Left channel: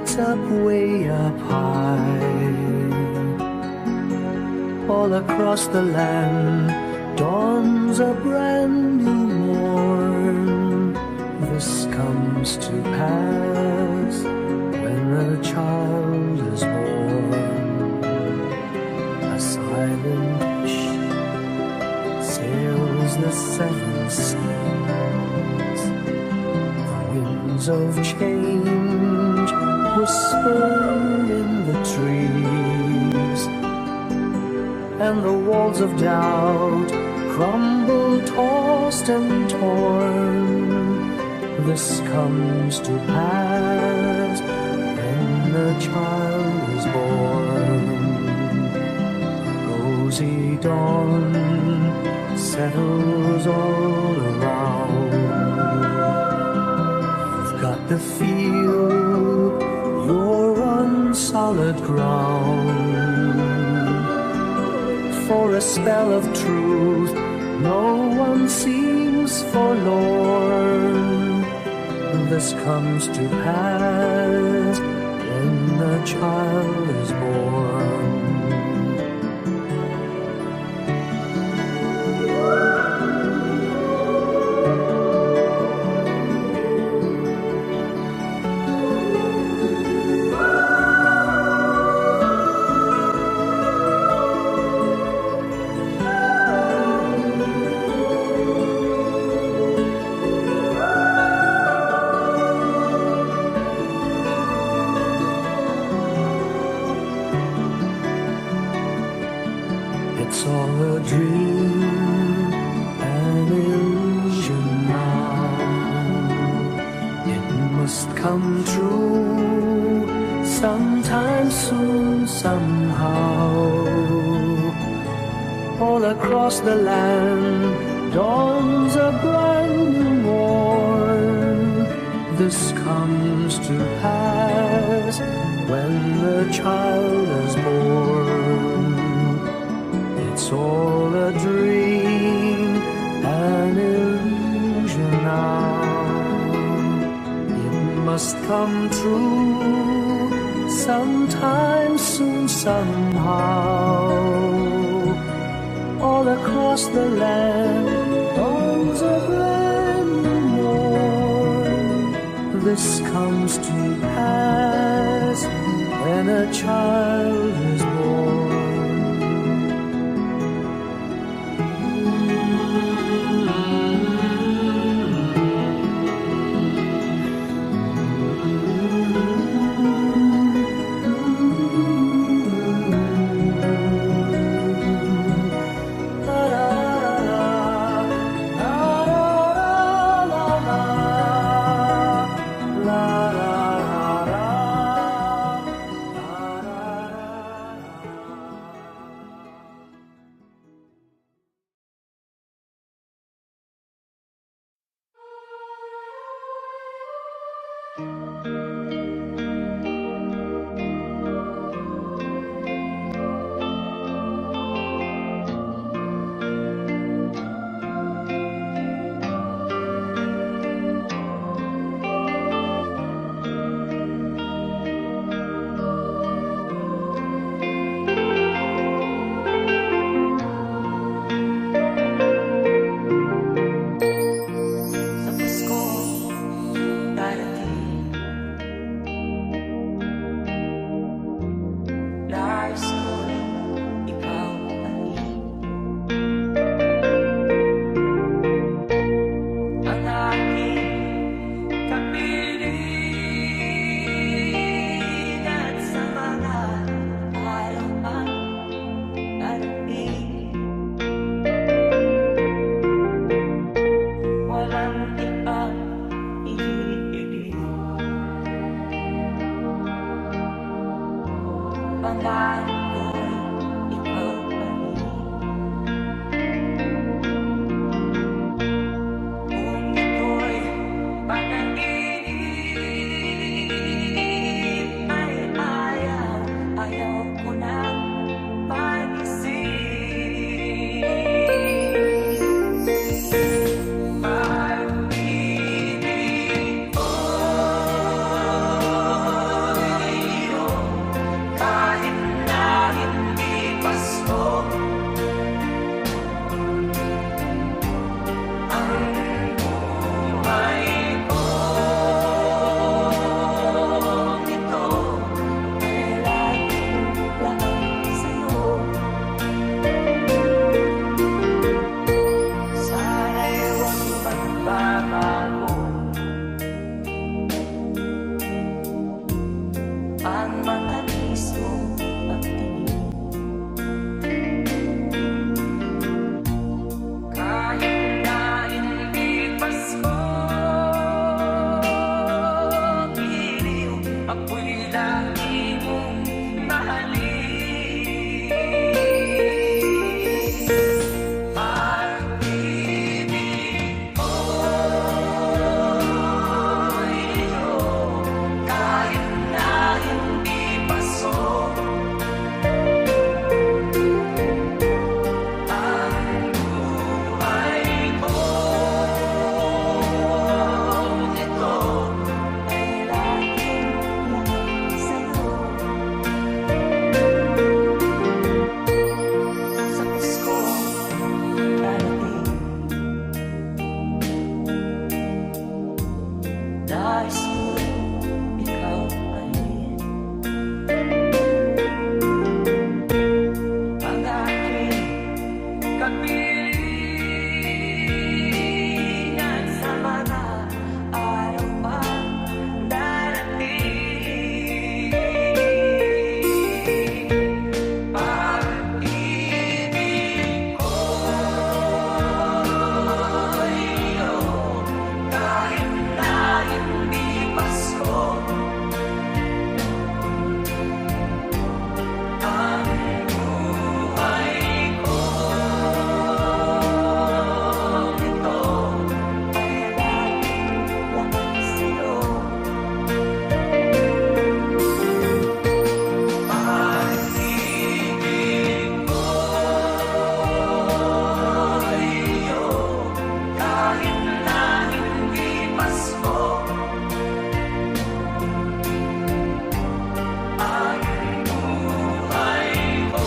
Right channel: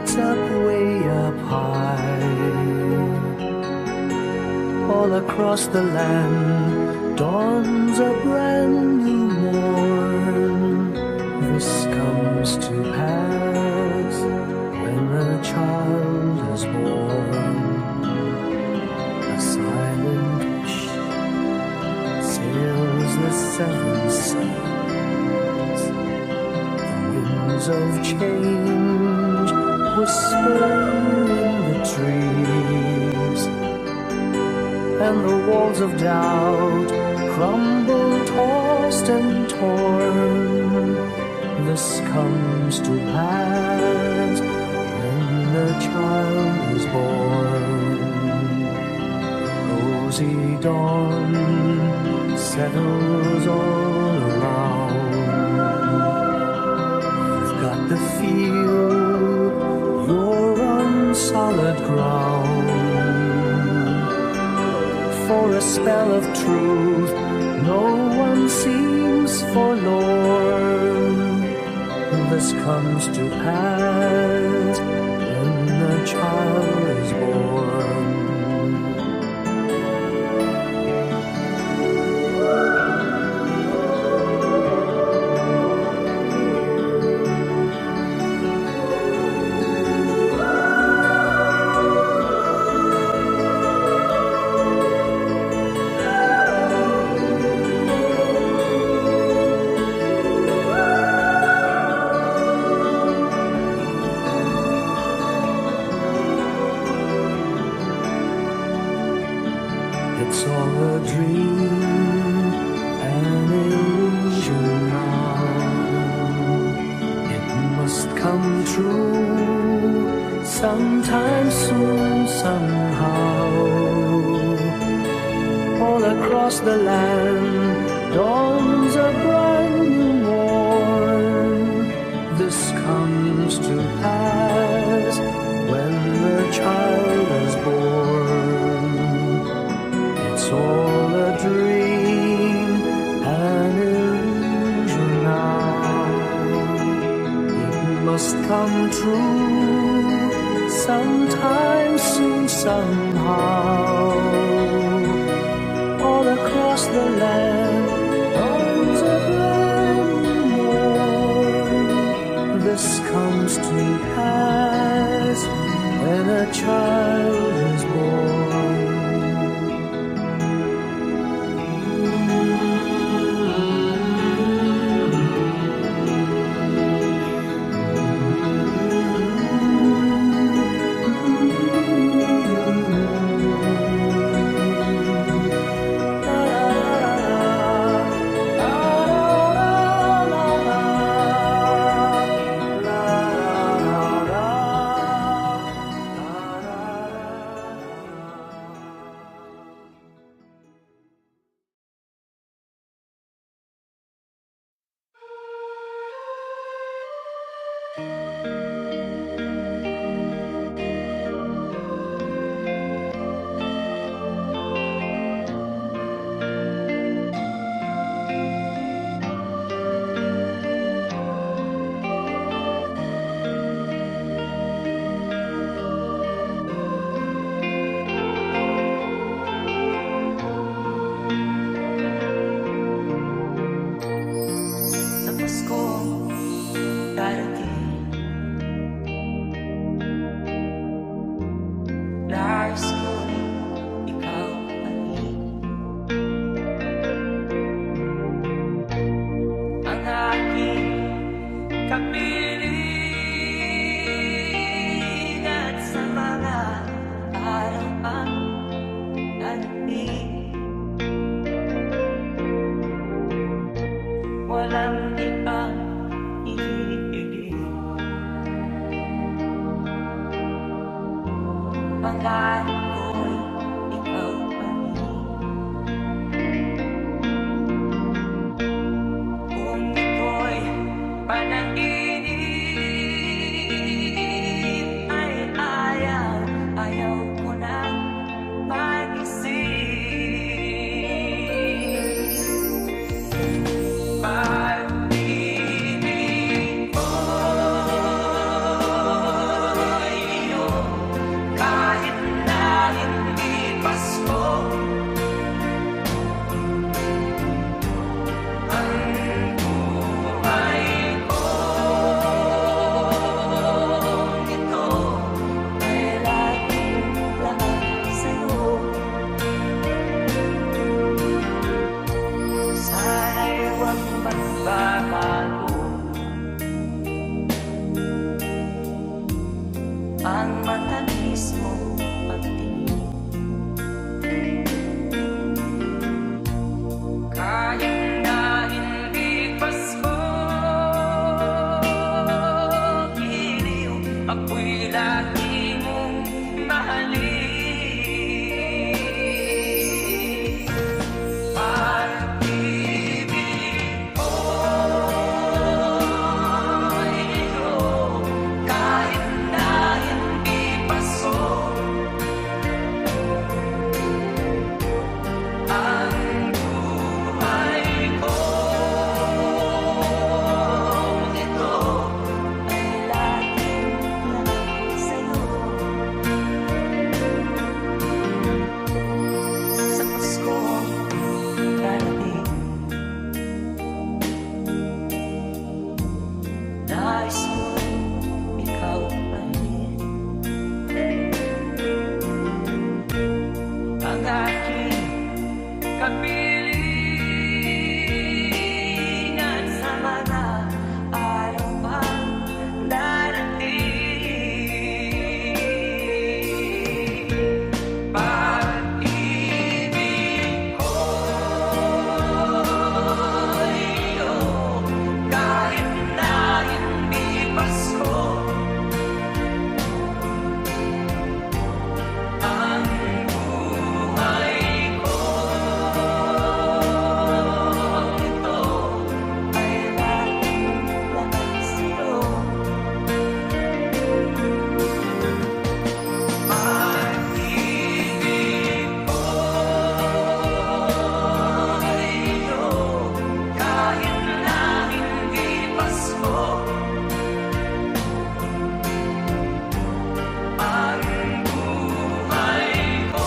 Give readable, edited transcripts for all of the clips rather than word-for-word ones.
lights up way up high. All across the land dawns a brand new morn. This comes to pass when a child is born. A silent wish sails the seven seas. The winds of change whisper in the trees, and the walls of doubt crumble, tossed and torn. This comes to pass when a child is born. Rosy dawn settles all around. You've got to feel you're on solid ground. For a spell of truth, no one seems forlorn. This comes to pass when a child is born. It's all a dream, an illusion now. It must come true sometime soon, somehow. All across the land dawns a brand new morn. This comes to pass when the child is born. It's all a dream, an illusion now. It must come true sometime soon, somehow. All across the land dawns a brand new morn. This comes to pass when a child is born. Nais ko'y ikaw ani. Ang aking kapiling at sa mga araw ang nanating. Walang ibang hinihiling. Pangarap ko'y ikaw pa rin. Kung ito'y panaginip, ay ayaw ko nang mag-isip. Pag-ibig mo sa'yo. Sana'y huwag magbabago ang matamis mong pagtingin. Kahit na hindi Pasko, iliw, ako'y lagi mong mahalin. Pag-ibig ko'y iyo, kahit na hindi Pasko. Ang buhay ko ito ay laging laan sa'yo. Sa Pasko darating, nais ko'y ikaw pahin. Ang aking kapilingan sa mga araw pang darating. Pag-ibig ko'y iyo, kahit na hindi Pasko. Ang buhay ko ito ay laging laan sa'yo. Pag-ibig ko'y iyo, kahit na hindi Pasko. Ang buhay ko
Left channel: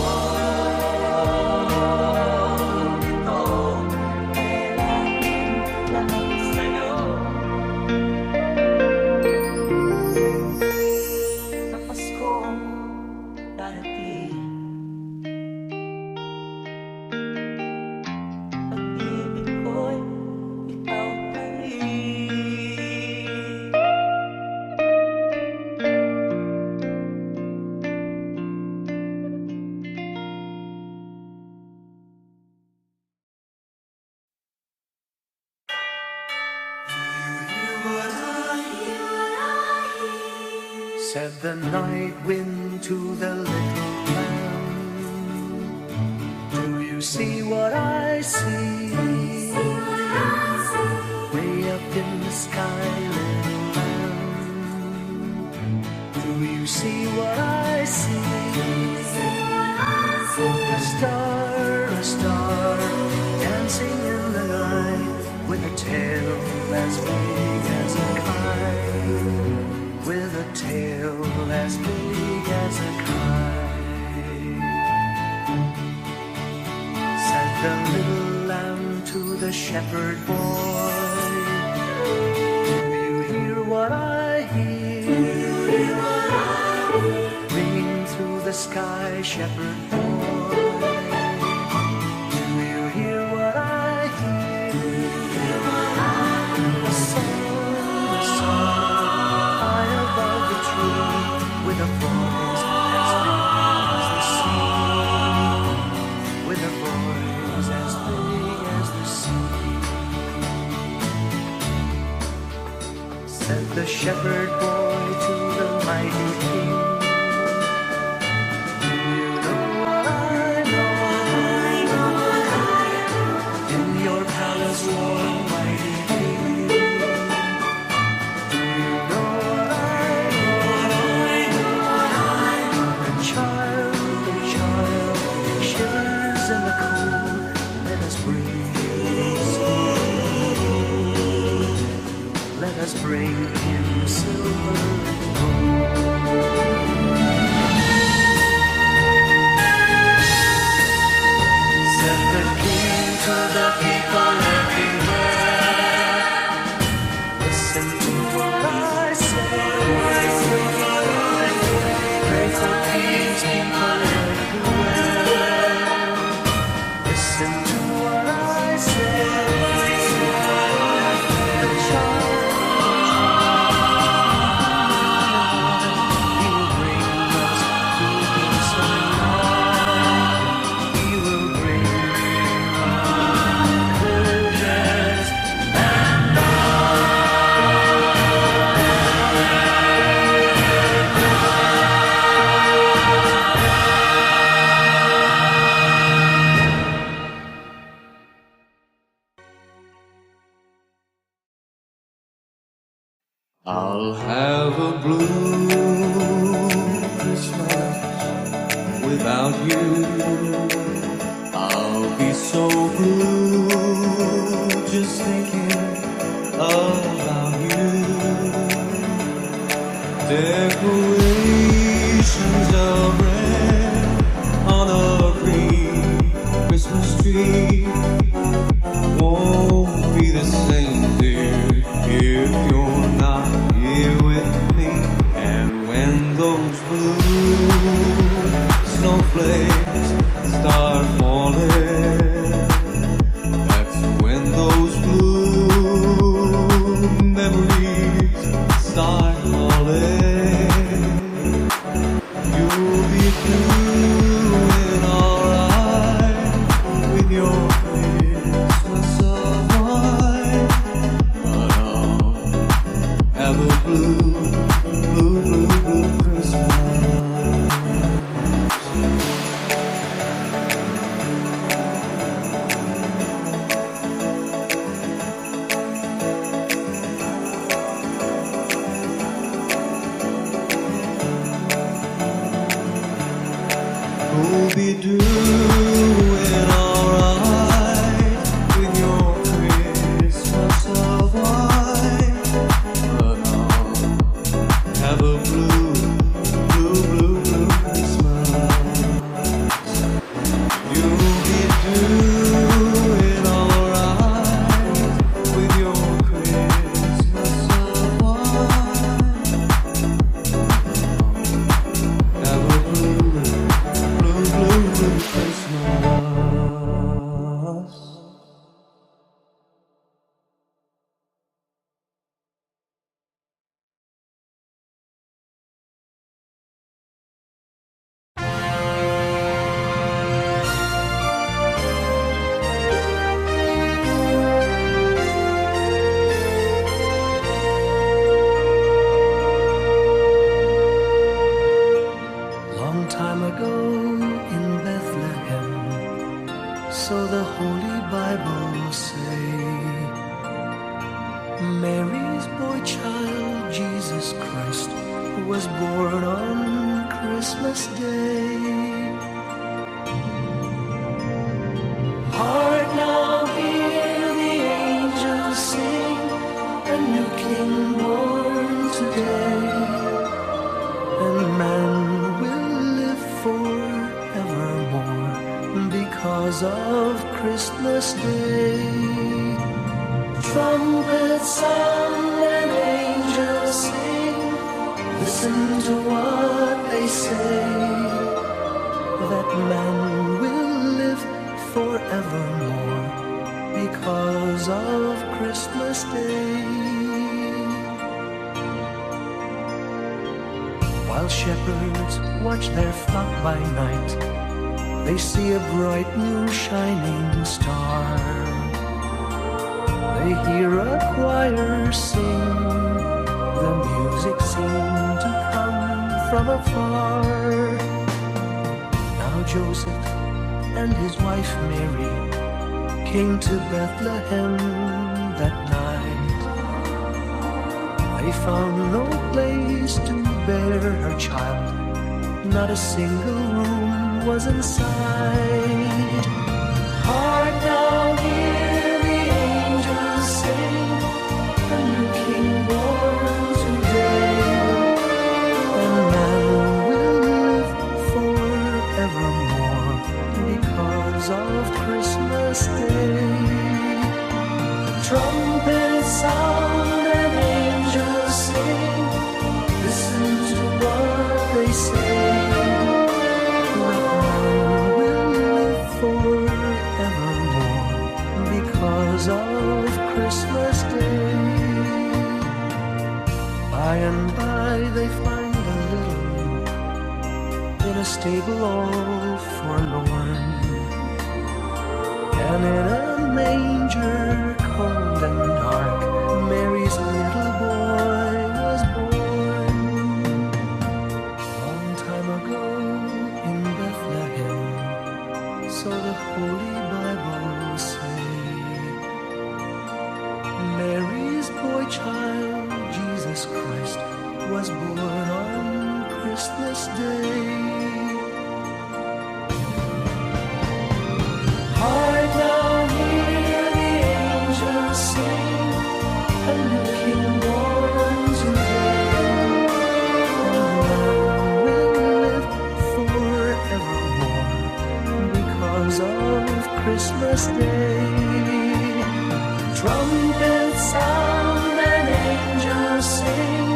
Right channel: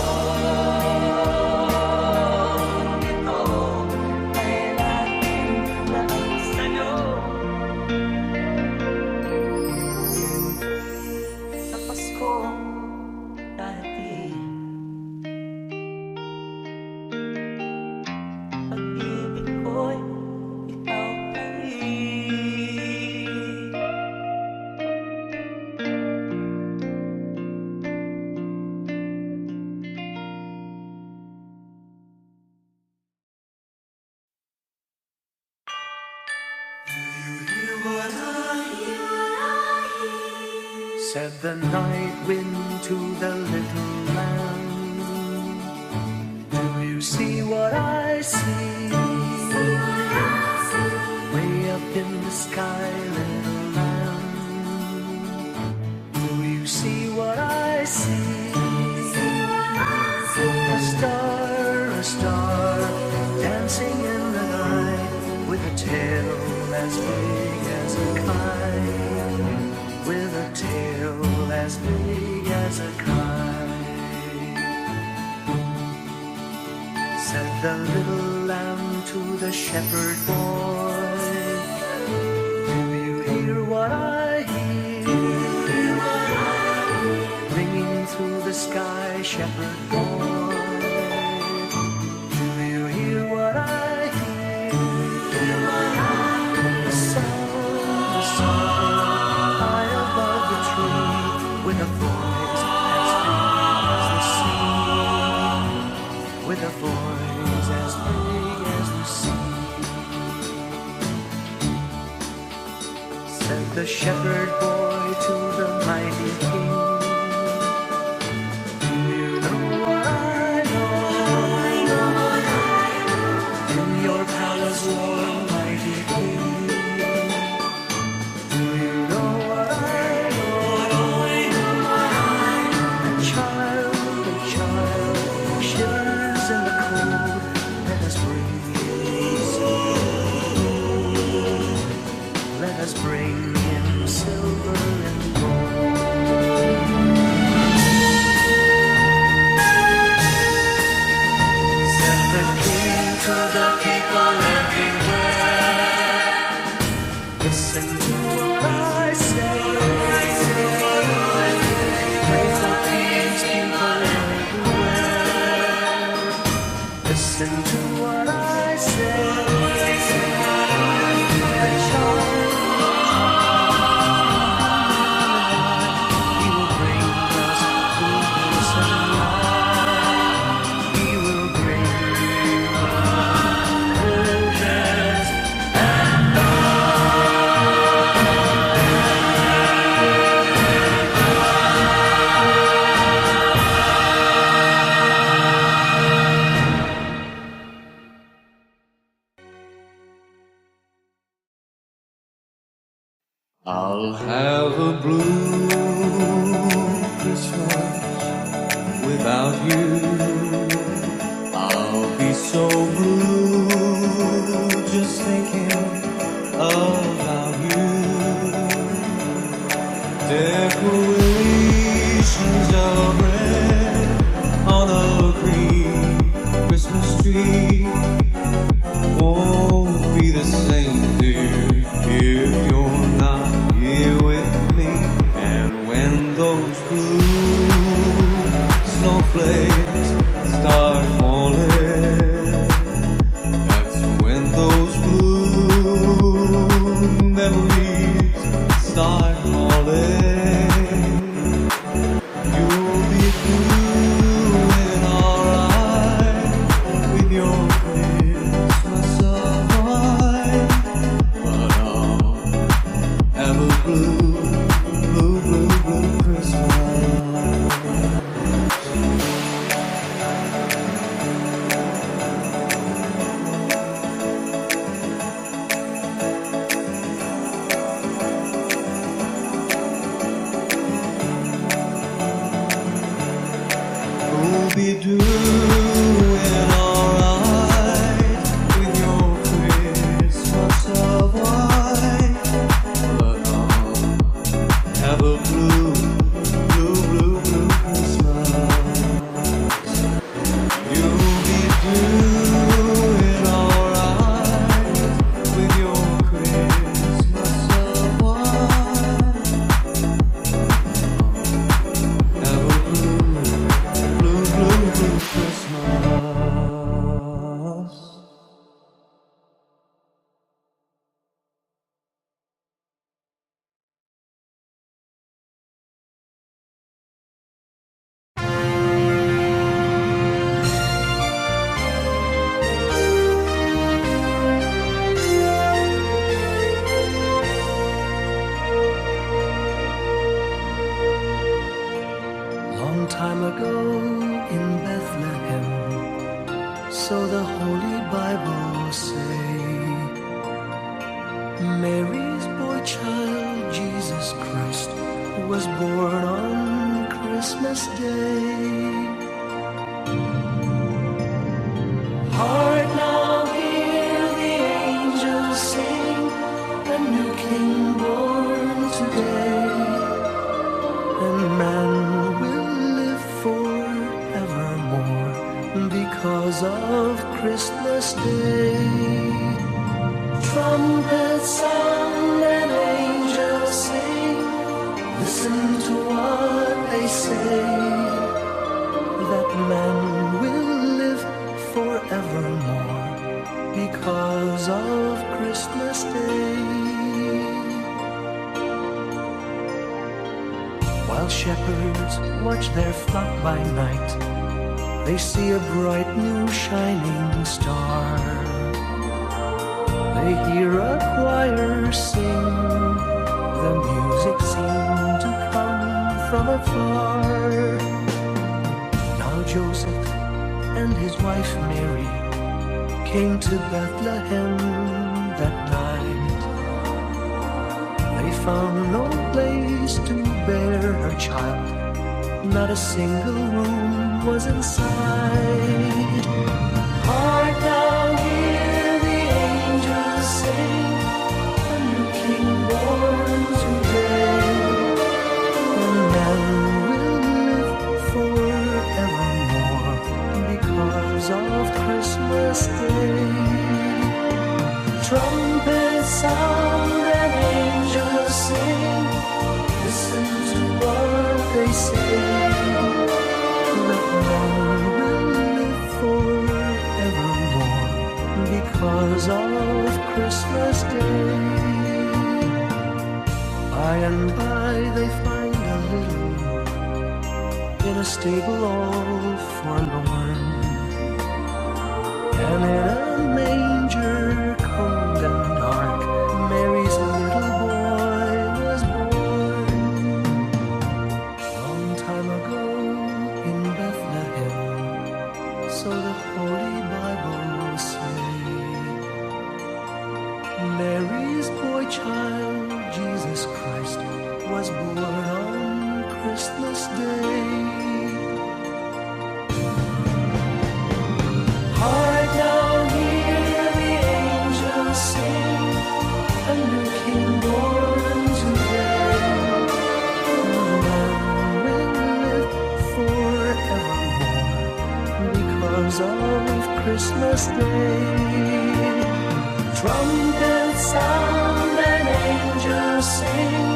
ito ay laging laan sa'yo. Sa Pasko darating, pag-ibig ko'y ikaw pa rin. Said the night wind to the little lamb, do you see what I see? Way up in the sky, little lamb, do you see what I see? A star, dancing in the night, with a tail as big as a kite, with a tail as big as a kite. Said the little lamb to the shepherd boy, do you hear what I hear? Ringing through the sky, shepherd boy, do you hear what I hear? A song, high above the tree, with a voice as big as the sea, with a voice as big as the sea. Said the shepherd boy to the mighty king, do you know what I know? In your palace warm, mighty king, do you know what I know? A child shivers in the cold. Let us bring him food. Let us bring him silver and gold. Said the king to the people everywhere, listen to what I say. Pray for peace, people everywhere. Listen to what I say. A child, he will bring us goodness and light. He will bring us goodness and I'll have a blue Christmas without you. I'll be so blue just thinking about you. Decorations of red on a green Christmas tree won't be the same, dear, if you're not here with me. And when those blue snowflakes start falling, that's when those blue memories start calling. You'll be doing alright with your Christmas of mine, but I'll have a blue, blue, blue, blue Christmas. You'll be doing alright with your Christmas of white, but I'll have a blue, blue, blue, blue Christmas. You'll be doing alright with your Christmas of white, have a blue, blue, blue, blue Christmas. Long time ago in Bethlehem, so the Holy Bible say, Mary's boy child, Jesus Christ, was born on Christmas Day. Hark now, hear the angels sing, a new King born today, and man will live forevermore because of Christmas Day. Trumpets sound and angels sing, listen to what they say, that man will live forevermore because of Christmas Day. While shepherds watch their flock by night, they see a bright new shining star. They hear a choir sing, the music seemed to come from afar. Now Joseph and his wife Mary came to Bethlehem that night. They found no place to bear her child, not a single room was in sight. Hark now, hear the angels sing, a new King born today, and man will live forevermore because of Christmas Day. Trumpets sound and angels sing, listen to what they say, that man will live forevermore because of Christmas Day. By and by they find a little in a stable all forlorn, and in a manger cold and dark Mary's little boy was born. Long time ago in Bethlehem, so the Holy Bible say, Mary's boy child, Jesus Christ, was born on Christmas Day. Hark now, hear the angels sing, a new King born today. The man will live forevermore because of Christmas Day. Trumpets sound and angels sing,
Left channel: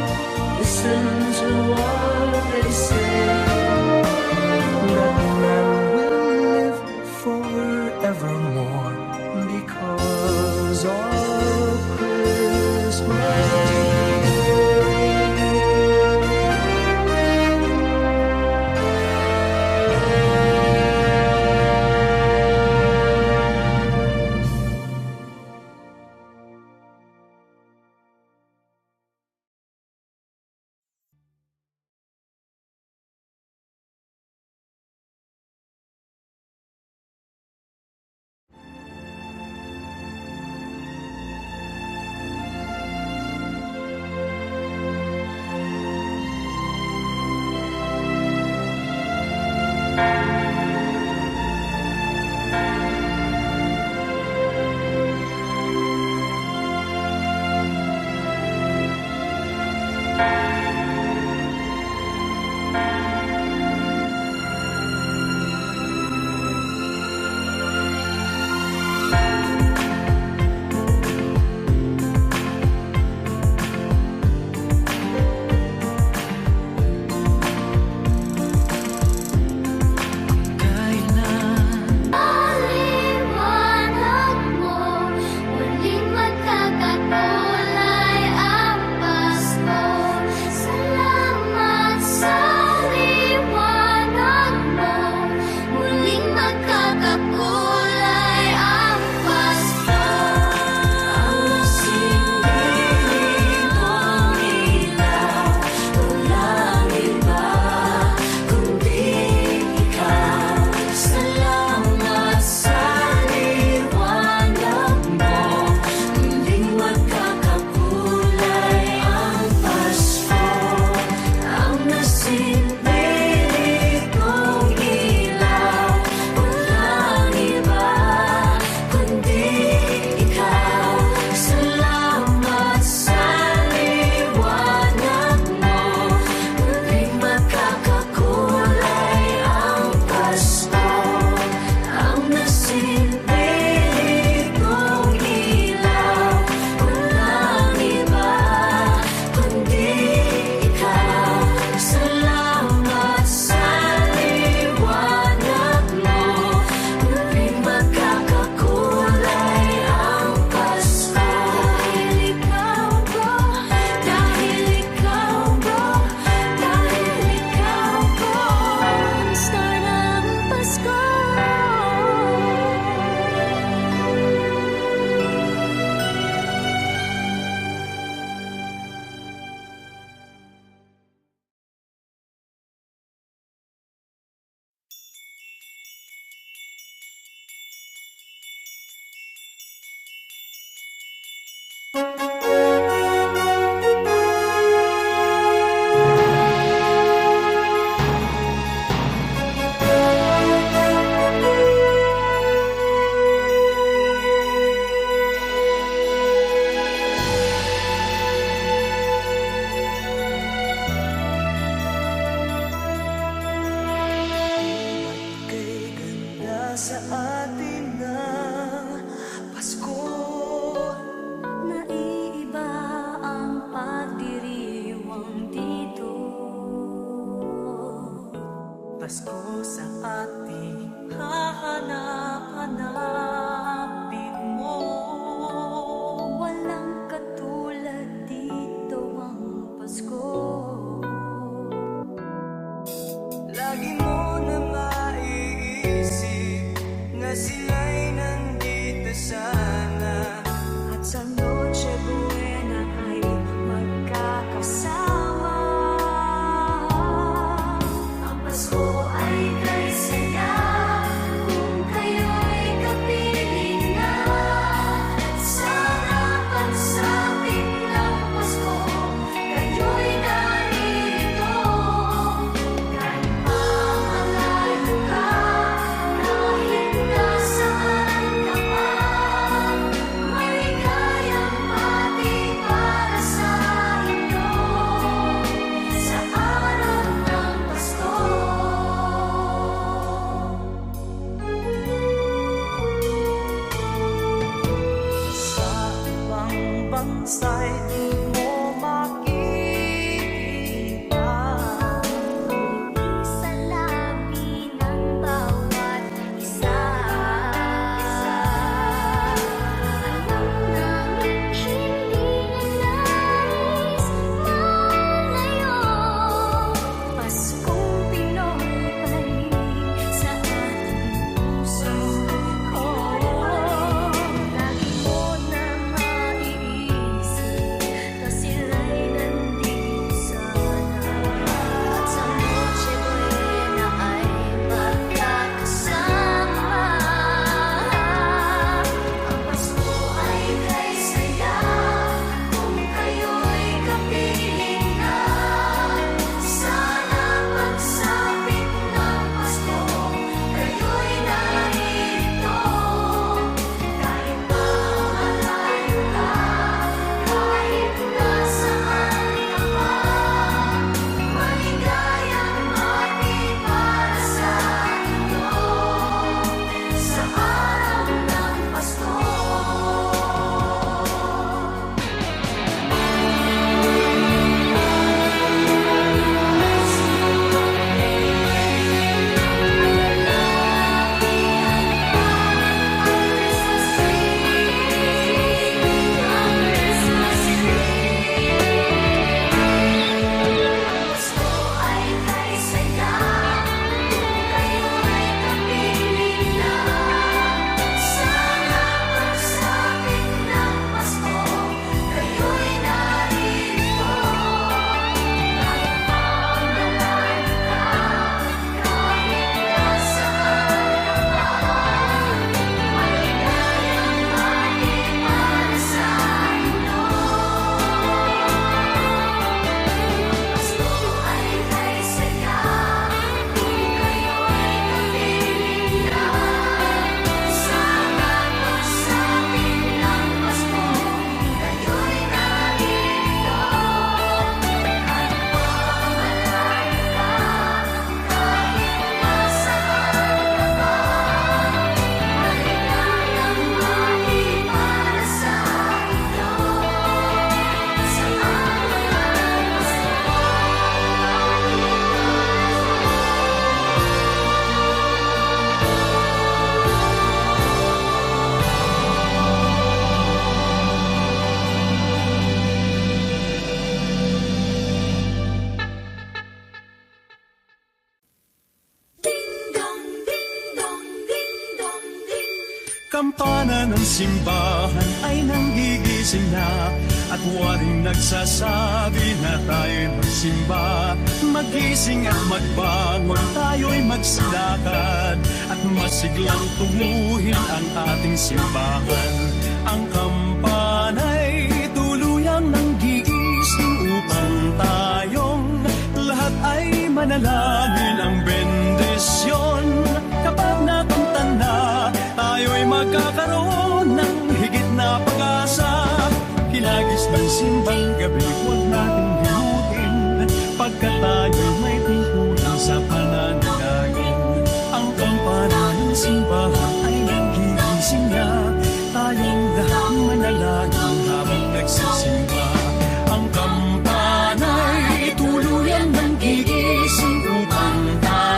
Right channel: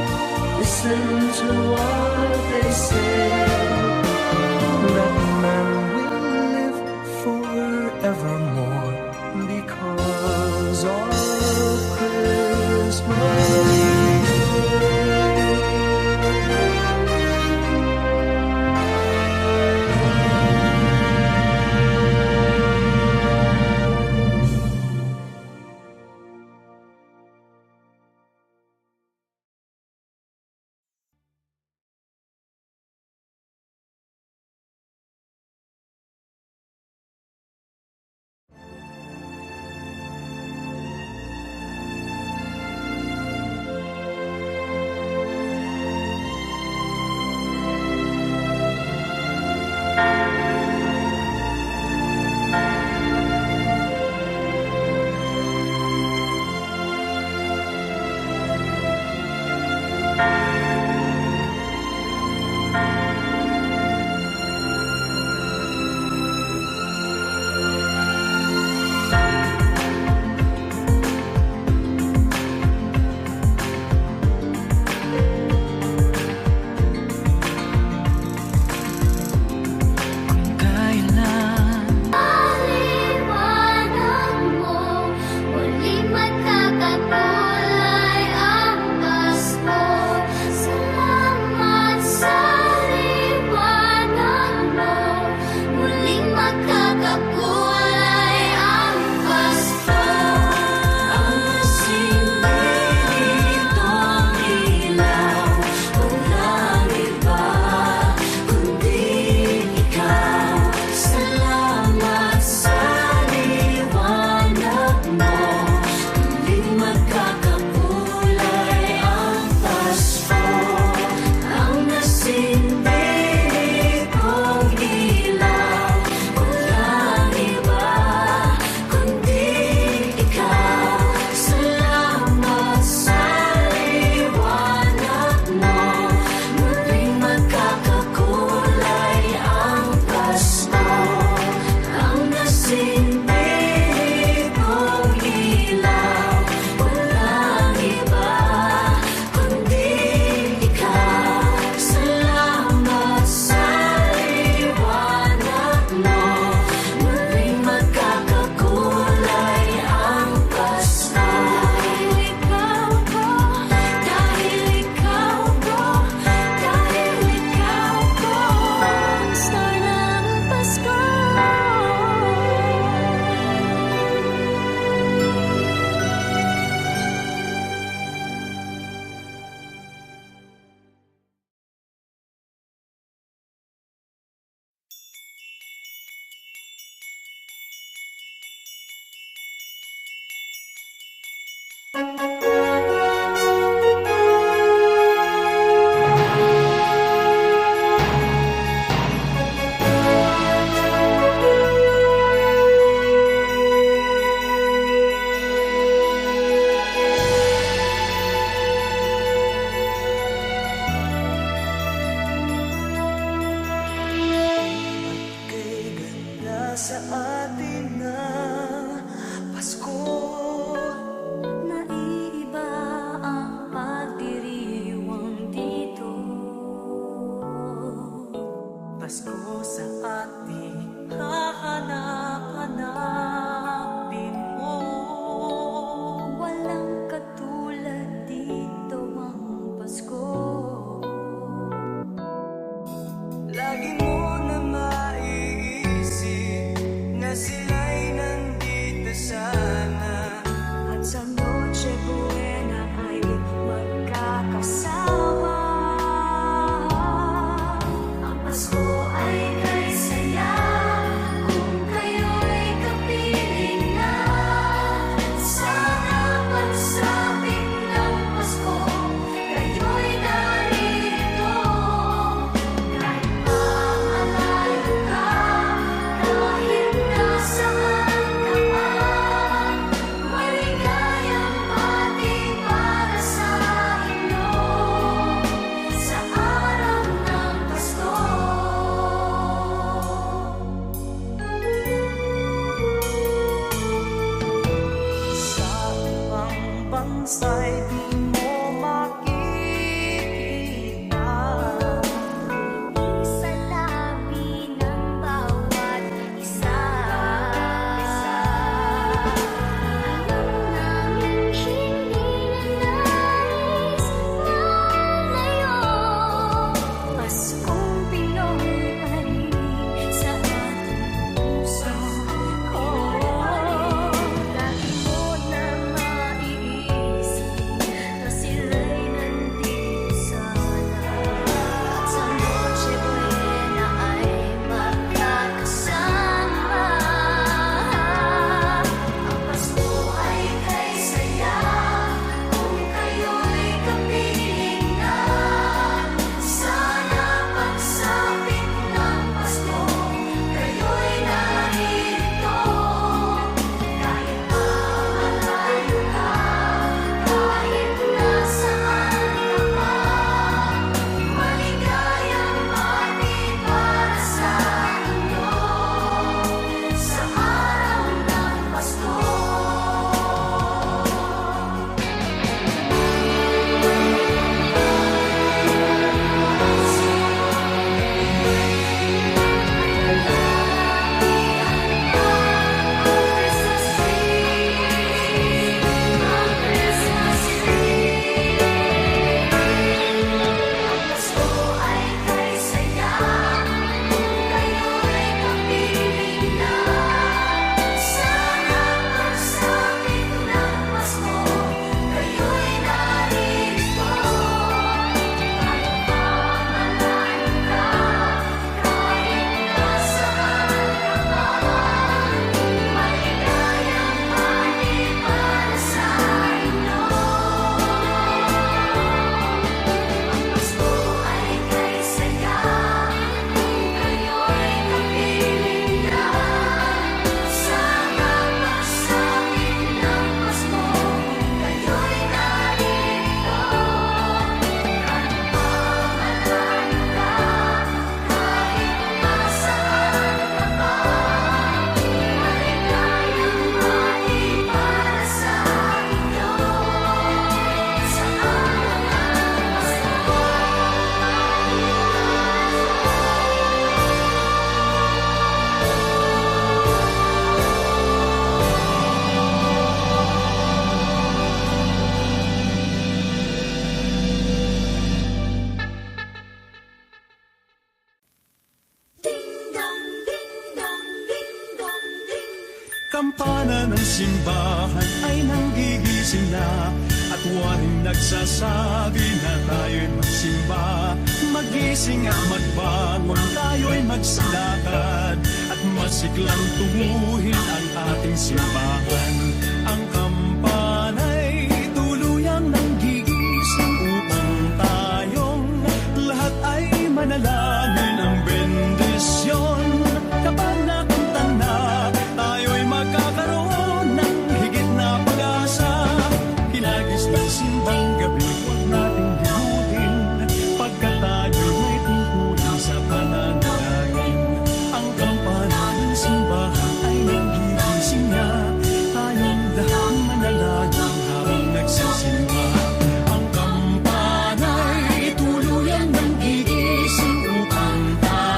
listen to what they say. That man will live forevermore because of Christmas Day. sa atin ng Pasko. Naiiba ang pagdiriwang dito. Pasko sa ating hahanap-hanapin mo. Walang katulad dito ang Pasko. Lagi mo na maiisip na sila'y nandito sana, At sa Noche Buena ay magkakasama. Ang Pasko ay kay saya kung kayo'y kapiling na. Sana pagsapit ng Pasko, kayo'y naririto. Kahit pa malayo ka, kahit nasaan ka pa, maligayang bati para sa inyo sa araw ng Pasko. sa ibang bansa'y di mo makikita. Sa labi ng bawat isa. Alam namin hindi na nais malayo. Paskong Pinoy pa rin sa ating puso. Lagi mo na maiisip na sila'y nandito sana. At sa Noche Buena ay magkakasama. Ang Pasko ay kay saya kung kayo'y kapiling na. Sana pagsapit ng Pasko, kayo'y naririto. Kahit pa malayo ka, kahit nasaan ka pa, maligayang bati para sa inyo sa araw ng Pasko. Ang Christmas tree, ang Christmas tree. Ang Pasko ay kay saya kung kayo'y kapiling na. Sana pagsapit ng Pasko, kayo'y naririto. Kahit pa malayo ka, kahit nasaan ka pa, maligayang bati para sa inyo. Ang Pasko ay kay saya kung kayo'y kapiling na. Sana pagsapit ng Pasko, kayo'y naririto. Kahit pa malayo ka, kahit nasaan ka pa, maligayang bati para sa inyo sa araw ng Pasko. Kampana ng simbahan ay nanggigising na, at waring nagsasabi na tayo'y magsimba. Magising at magbangon, tayo'y magsilakad, at masiglang tuguhin ang ating simbahan. Ang kampana'y tuluyang nanggigising upang tayong lahat ay manalangin ang bendisyon. Kapag nakanta na, tayo'y magkakaroon ng higit na pag-asa. Kinagis ng simbang gabi, huwag nating limutin, pagkat tayo'y may tungkulin sa pananalangin. Ang kampana ng simbahan ay nanggigising na, tayong lahat manalangin habang nagsisimba. Ang kampana'y tuluyang nanggigising upang tayo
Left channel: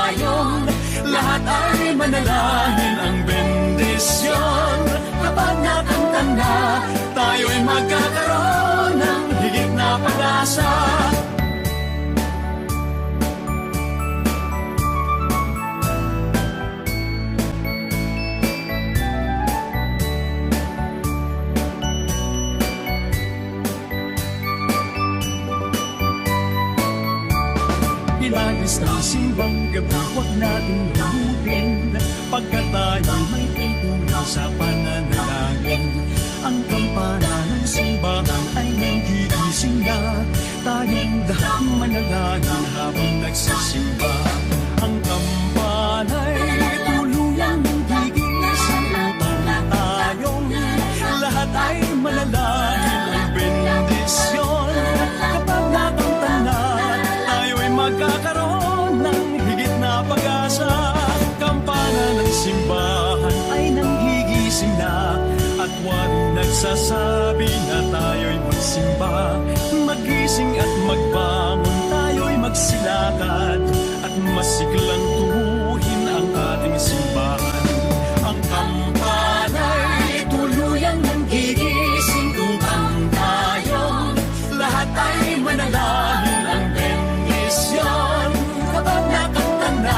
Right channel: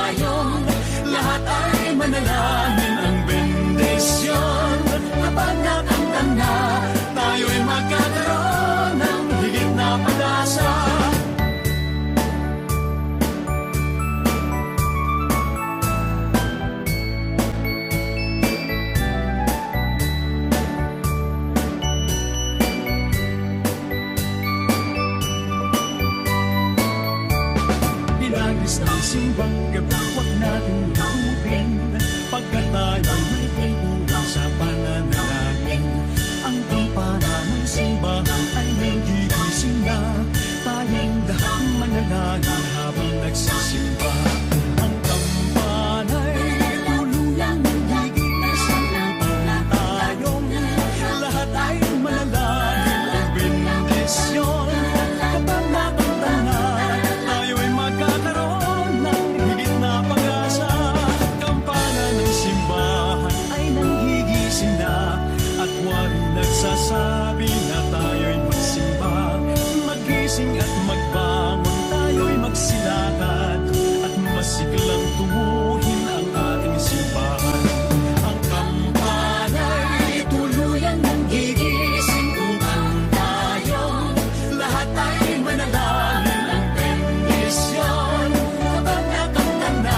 Oras ng simbang gabi, huwag natin lubin, pagkat tayo'y may tungkulin sa pananalangin. Ang kampana ng simbahan ay nanggigising na, tayong lahat manalangin habang nagsisimba. Ang kampana'y tuluyang nanggigising upang tayong lahat ay manalangin. Ang bendisyon kapag nakanta na, tayo'y magkakaroon ng higit na pag-asa. Kampana ng simbahan ay nanggigising na, at waring nagsasabi na tayo'y magsimba. Magising at magbangon, tayo'y magsilakad, at masiglang tuwuhin ang ating simbahan. Ang kampana'y tuluyang nanggigising upang tayong lahat ay manalangin. Ang bendisyon kapag nakanta na,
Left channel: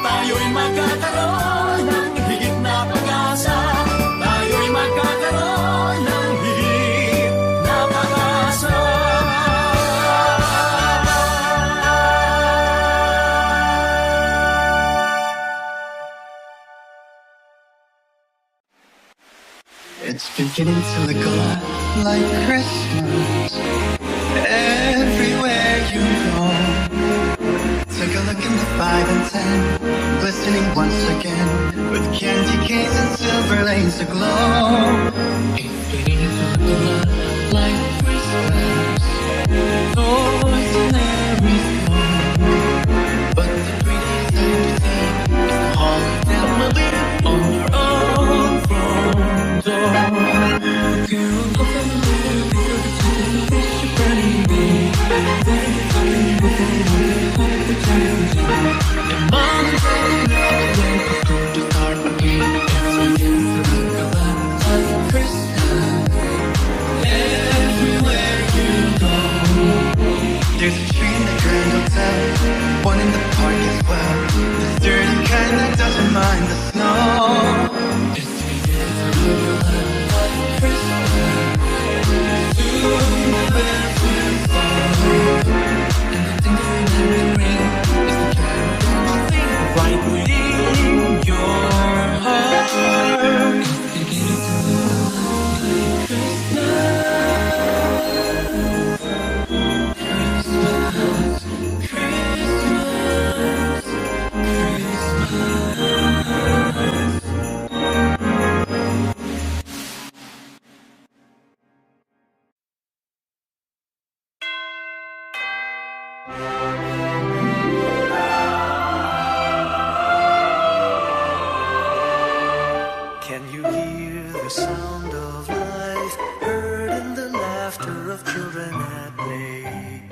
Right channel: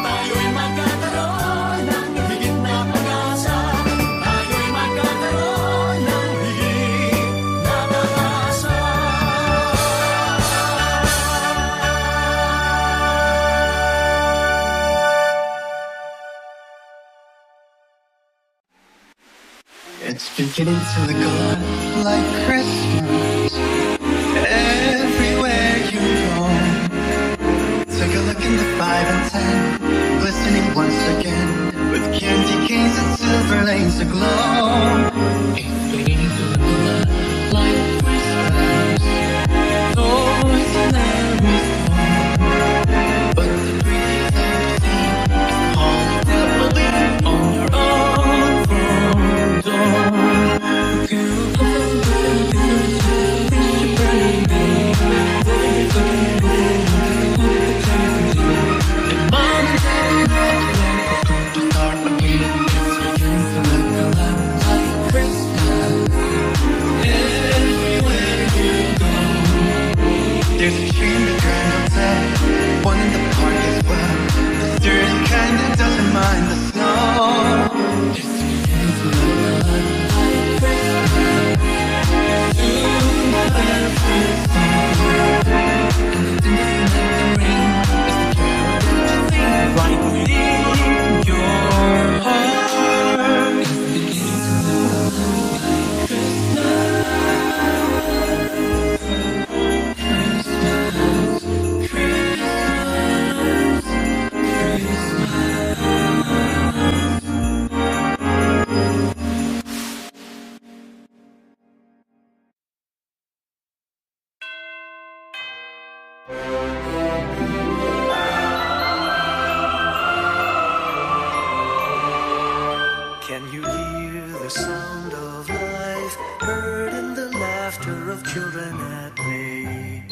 tayo'y magkakaroon ng higit na pag-asa. Tayo'y magkakaroon ng higit na pag-asa. It's beginning to look a lot like Christmas everywhere you go. Take a look in the 5 and 10, glistening once again with candy canes and silver lanes aglow. It's beginning to look a lot like Christmas, toys in every store. But the prettiest sight to see is the holly that will be on your own front door. A carol of wish your baby, loving it, talking before wanting to hope for change. And mom and dad know when it's going to start again. It's beginning to look a lot like Christmas everywhere you go. There's a tree in the Grand Hotel, one in the park as well. The sturdy kind that doesn't mind the snow. It's beginning to look a lot like Christmas. Two bells we sing, and the tinkling of the ring is the carol that you sing right within your heart. It's beginning to look a lot like Christmas. Christmas, Can you hear the sound of life heard in the laughter of children at play?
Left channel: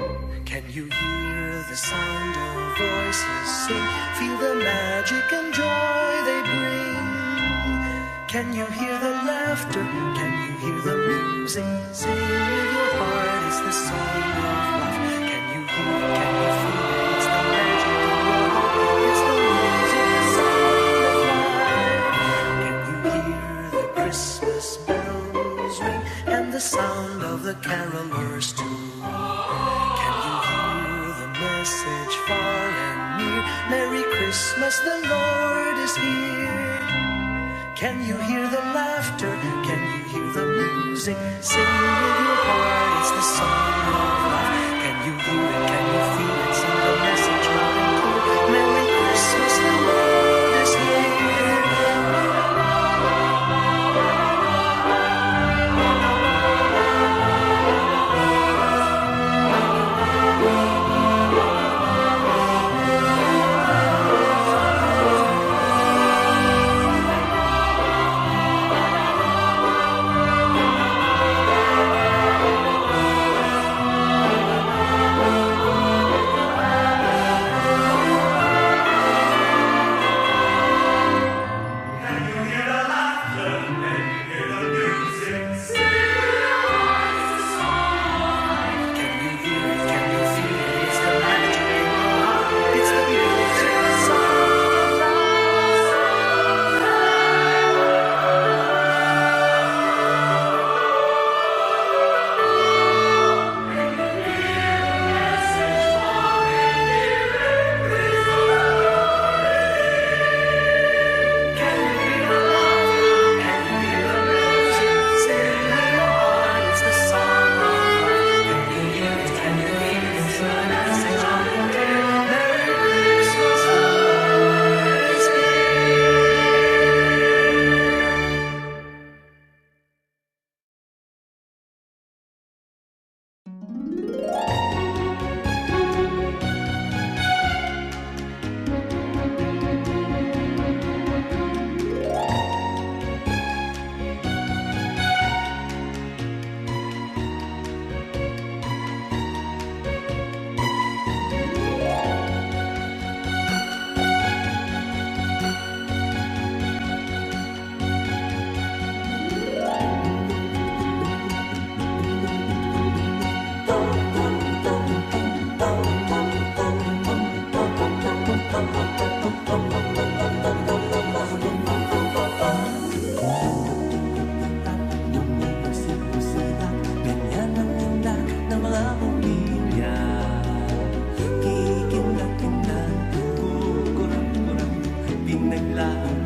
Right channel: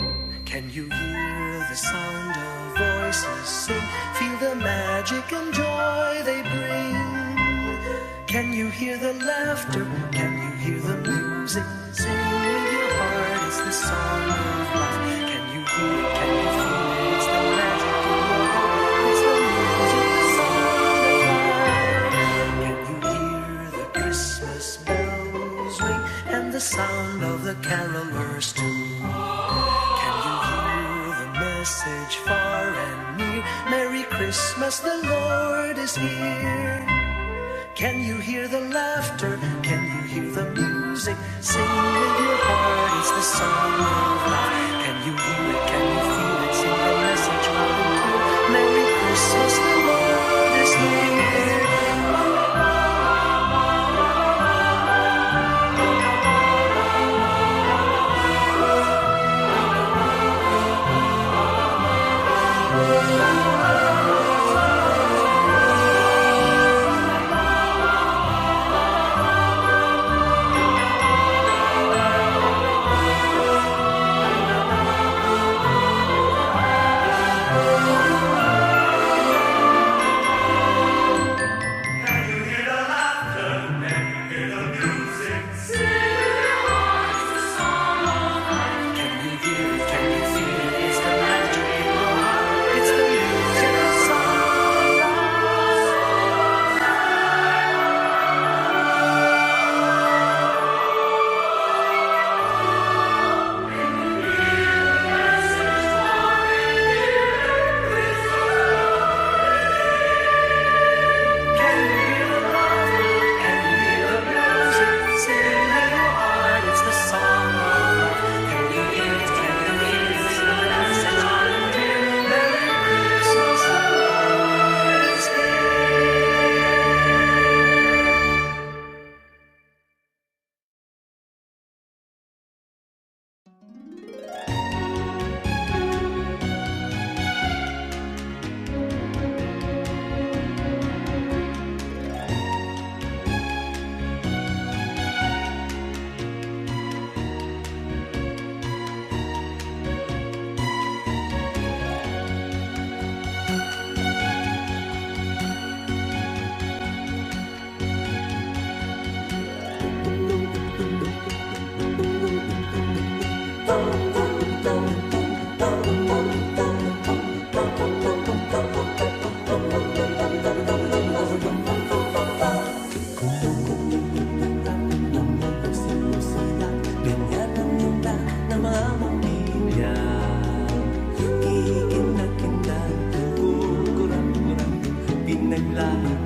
Can you hear the sound of voices sing? Feel the magic and joy they bring. Can you hear the laughter? Can you hear the music? Sing with your heart, it's the song of life. Can you hear it? Can you feel it? It's the magic in your heart. It's the music, the sound of life. Can you hear the Christmas bells ring and the sound of the carolers too? Can you hear the message far and near? Merry Christmas, the Lord is here. Can you hear the laughter? Can you hear the music? Sing with your heart, it's the song of life. Can you hear it? Can you feel it? Sing the message loud and clear. Merry Christmas, the Lord is here.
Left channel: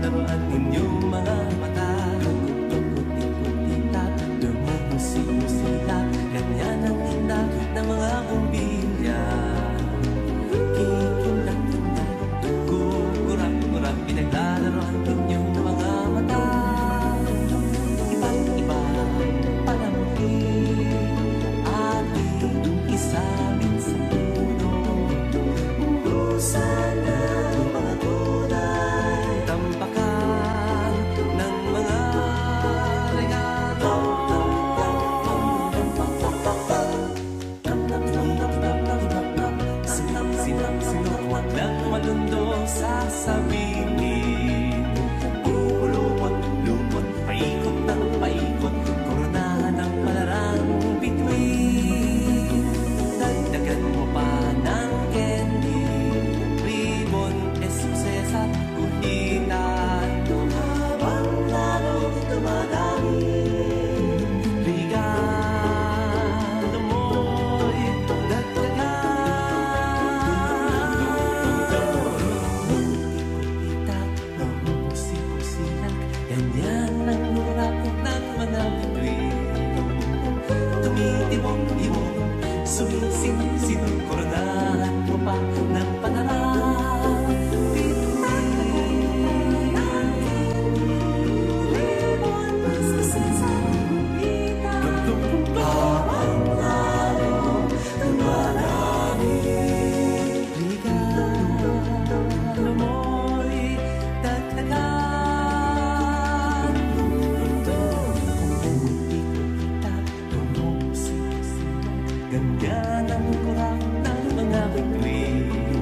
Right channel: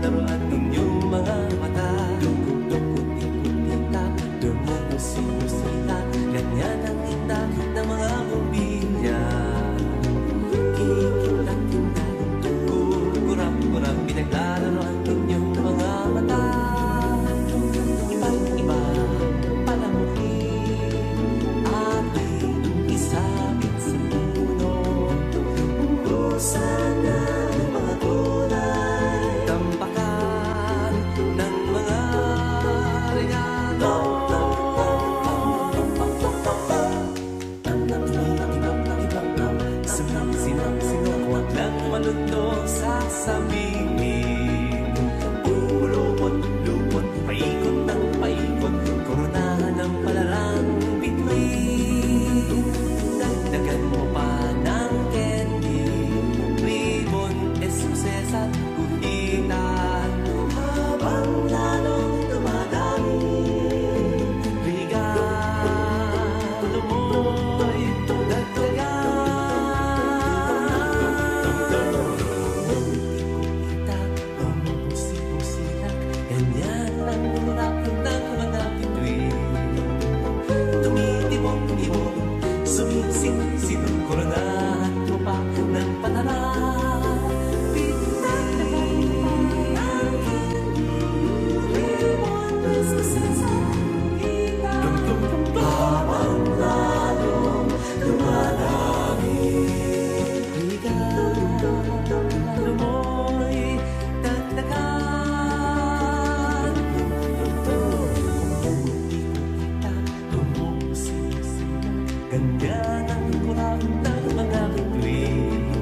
naman inyong mga mata. Dukot-dukot, ikot-itap, dumumusi-musita, ganyan ang tinda ng mga bumbilya. Kikindak-kindak, gurap-gurap, pinaglalaro ang inyong mga mata. Iba't iba pala muli ating isabit sa puno. Ubusan ng mga gulay, tampakan ng mga regalo. Sino huwag nang malundo sa sabingin. Lupot, paikot ng paikot, koronahan ng palarang bituin. Dagdagan mo pa ng candy, ribbon, esuses at guhitan. Habang lalong dumadami, regalo mo'y dagdagan. Ikot-itak, bumusi-businak, ganyan ang kurap ng mga bituin. Tumitibok-ibok, sumisit-sitong, koronahan mo pa ng panarang bituin. Habang lalong dumarami, regalo mo'y dagdagan. Ikot-ikot-itak, tumusi-sita, ganyan ang kurap ng mga bituin.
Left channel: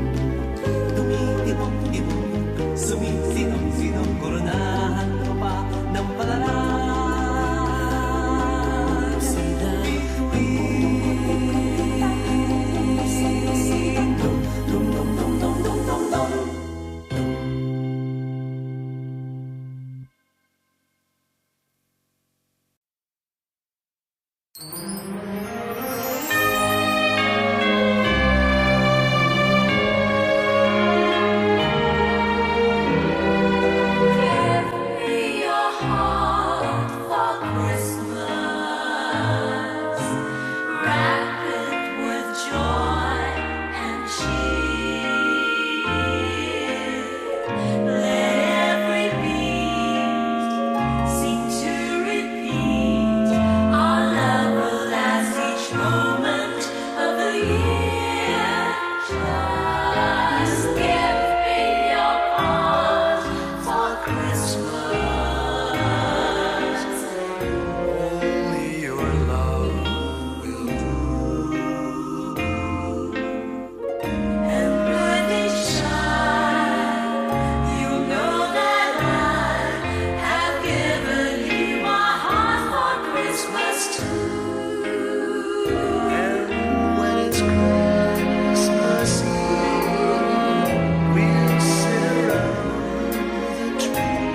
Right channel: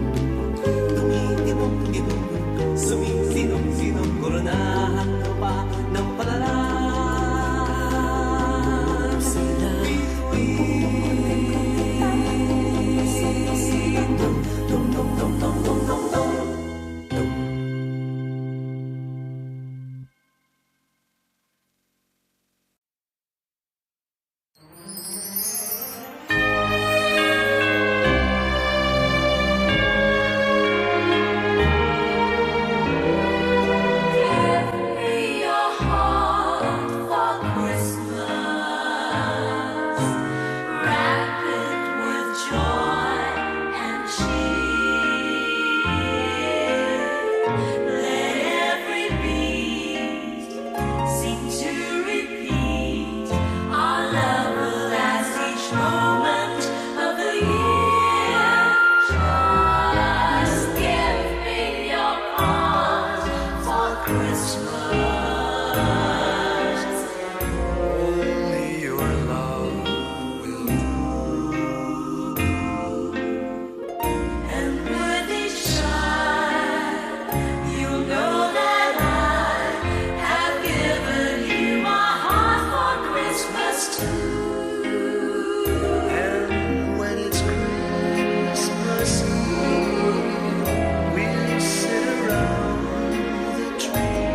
Tumitibok-ibok, sumisinong-sinong, koronahan mo pa ng palaran. Sila bituin. Dum-dum-dum-dum-dum-dum-dum. Give me your heart for Christmas. Wrap it with joy and cheer. Let every beat seem to repeat. Our love will last each moment of the year. Just give me your heart for Christmas. Only your love will do. And with each child, you know that I have given you my heart for Christmas too. And when it's Christmas Eve, we'll sit around the tree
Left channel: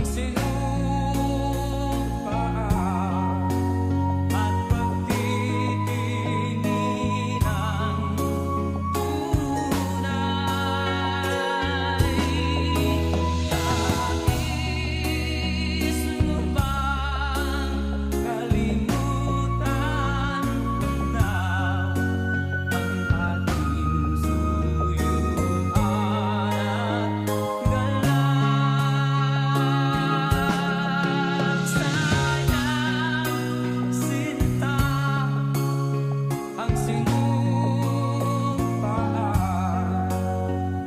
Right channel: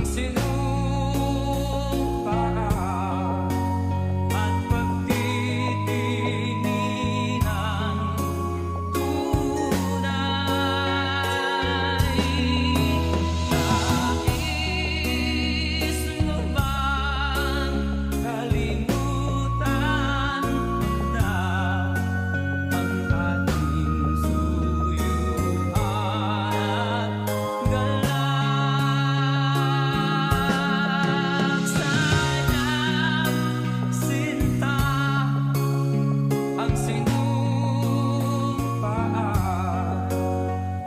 ang sinupaan at pagtitingin ng tunay. Nais mo bang kalimutan ko na ang ating suyuan at galak? Sana sinta ang sinupaan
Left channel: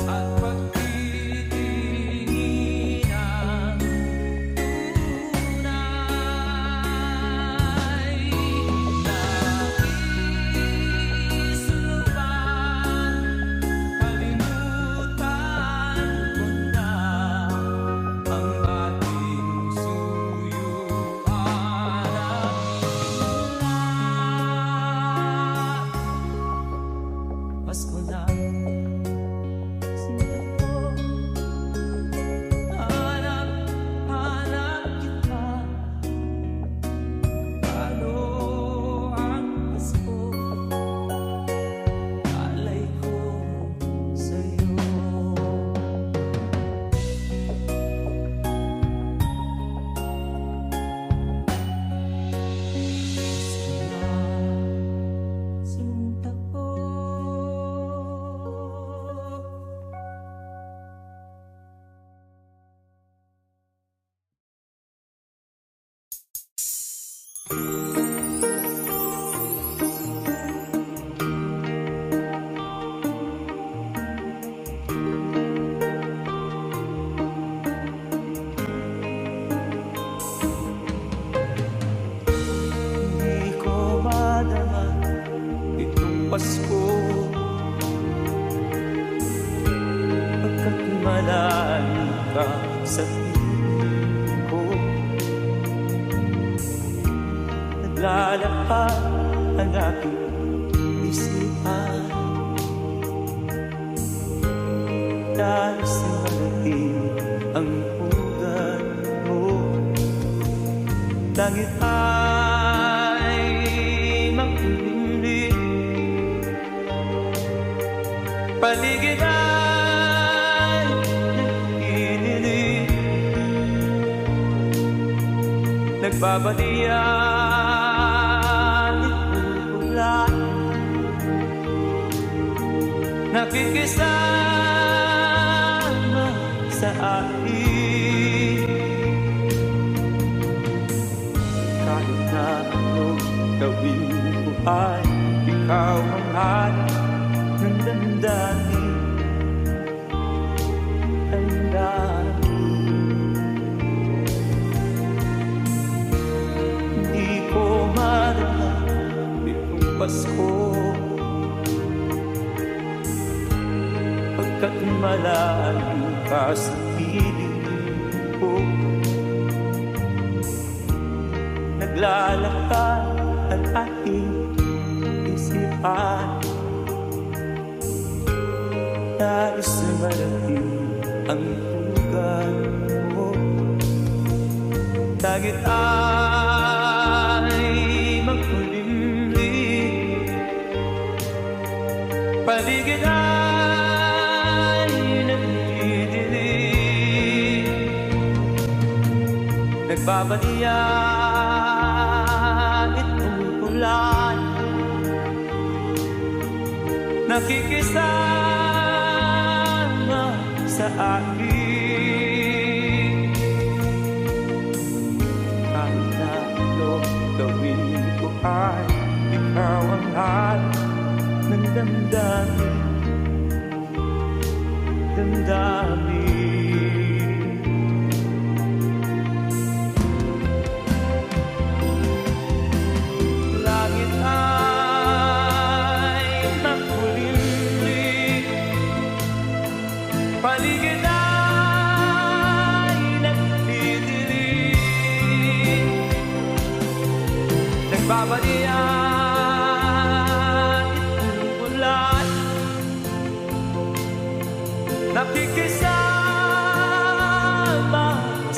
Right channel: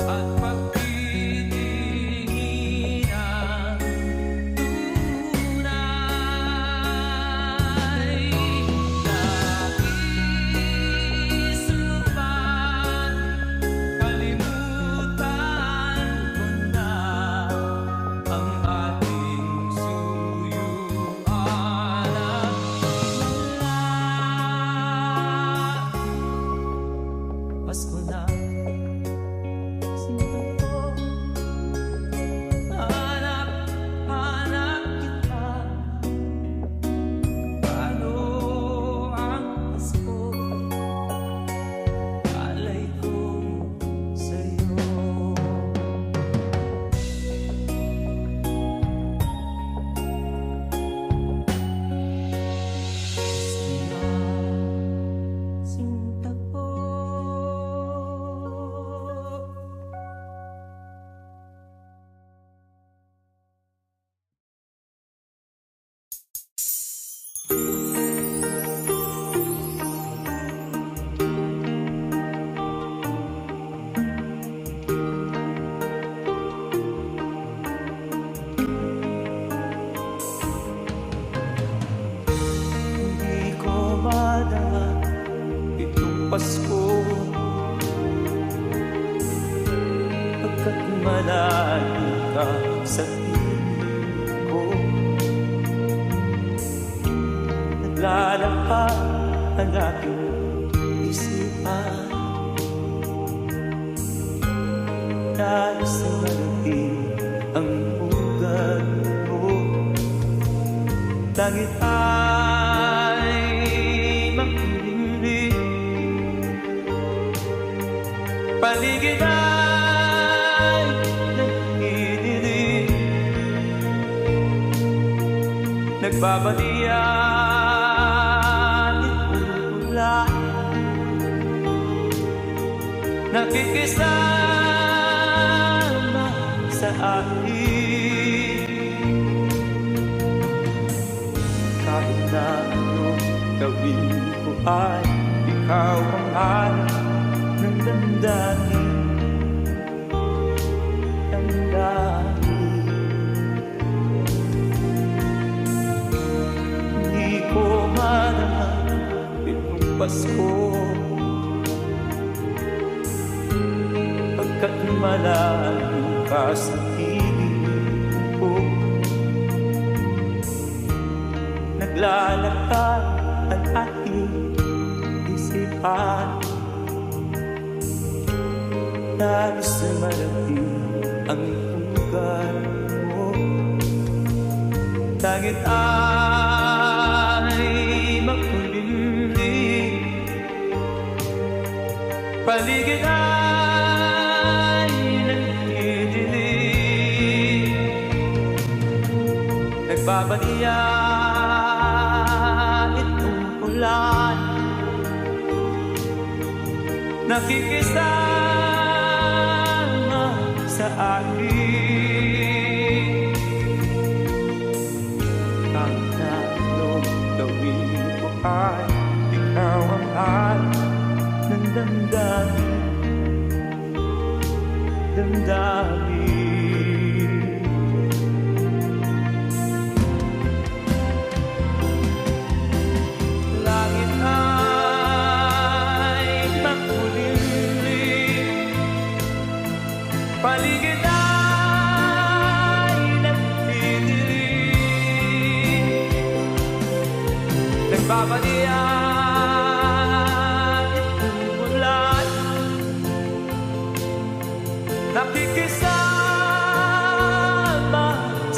at pagtitingin ng tunay. Nais mo bang kalimutan ko na ang ating suyuan at galak? Pasko na, sinta ko, hanap kita. Paano ang Pasko? Alay ko sa'yo. Pasko na, sinta ko. Hindi ko madama itong Pasko, pagkat malayo ka sa piling ko. Naglalakad ang aking isipan, nais na malating ang pugad mo. Langit ay makulimlim, paligid ay nagdidilim. Nagbabalian itong ulan, nakikisama sa akin. Kahit na anong gawin ko ay ikaw ang hanap ng damdamin. Hindi ko madama itong Pasko, pagkat malayo ka sa piling ko. Naglalakad ang aking isipan, nais na marating ang pugad mo. Langit ay makulimlim, paligid ay nagdidilim. Nagbabalian itong ulan, nakikisama sa akin. Kahit na anong gawin ko ay ikaw ang hanap ng damdamin. Langit ay makulimlim, paligid ay nagdidilim. Nagbabalian itong ulan, nakikisama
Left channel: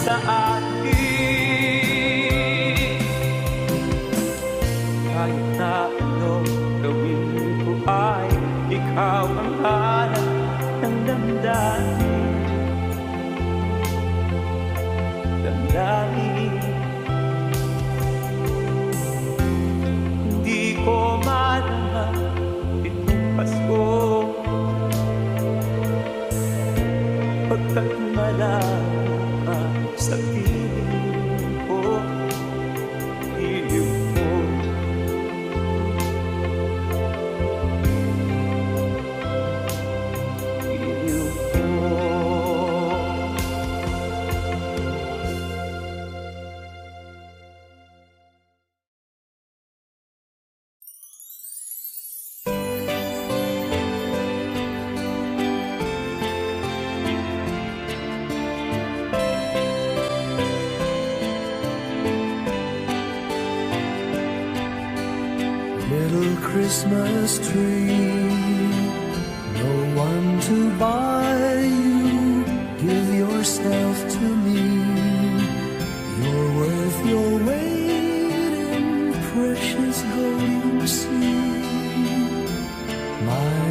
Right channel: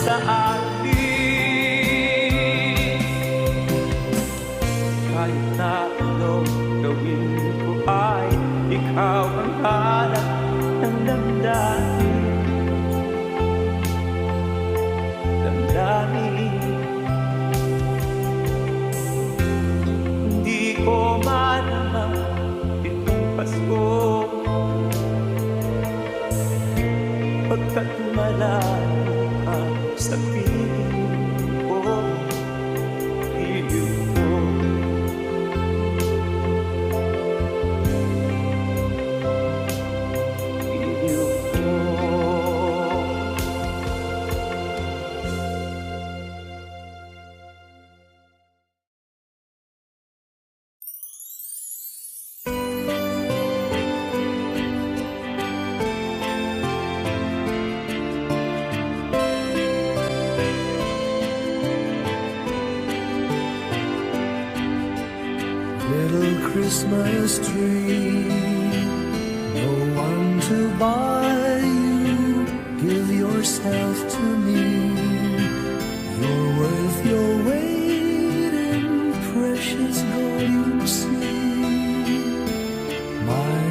sa atin. Kahit na anong gawin ko ay ikaw ang hanap ng damdamin. Hindi ko malama itong Pasko, pagkat malayo ka sa piling ko, iliw ko. Iliw ko. Little Christmas tree, no one to buy you, give yourself to me. You're worth your weight in precious gold, you see, my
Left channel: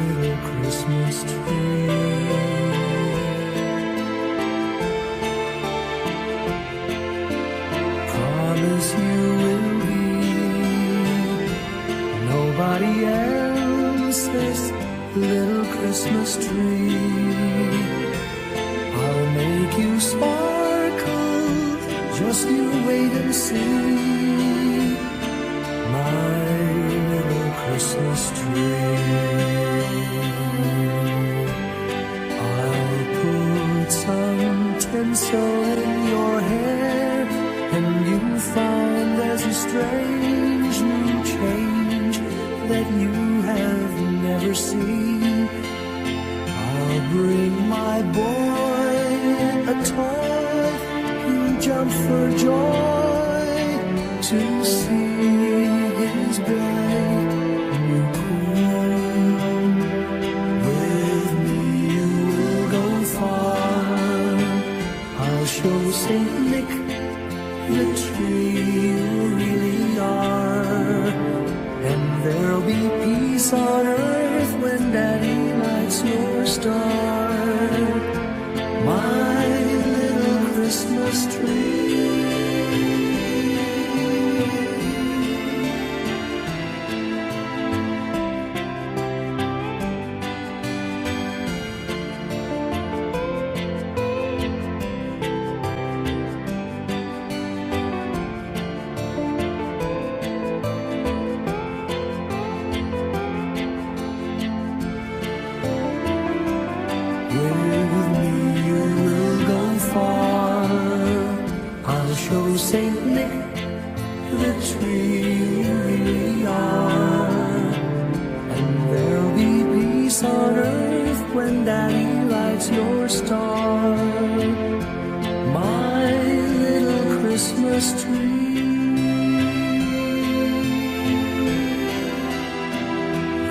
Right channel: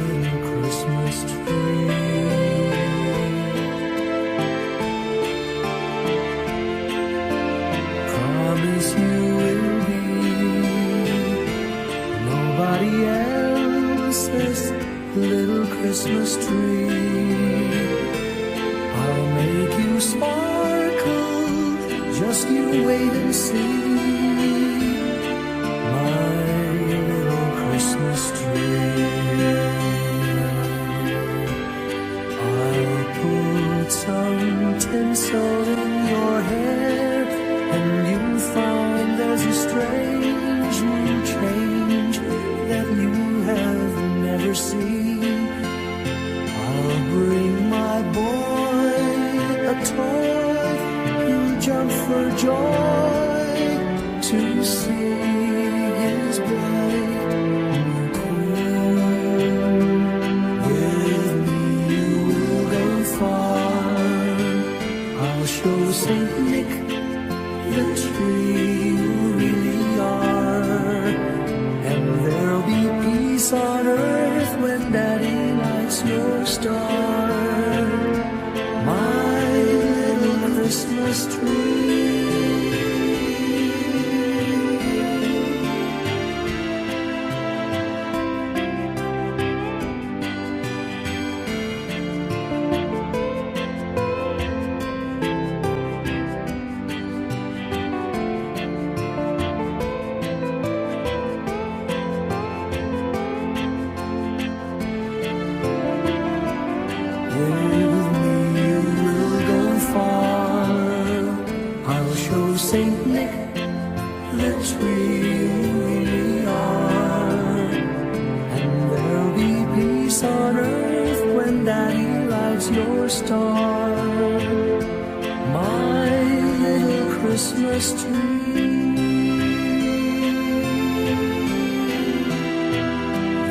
little Christmas tree. Promise you will be nobody else's little Christmas tree. I'll make you sparkle, just you wait and see, my little Christmas tree. I'll put some tinsel in your hair, and you'll find there's a strange new change that you have never seen. I'll bring my boy a toy, he'll jump for joy to see his bright new queen. With me you will go far, I'll show Saint Nick the tree you really are. And there'll be peace on earth when Daddy lights your star, my little Christmas tree. With me you will go far, I'll show Saint Nick the tree you really are. And there'll be peace on earth when Daddy lights your star, my little Christmas tree.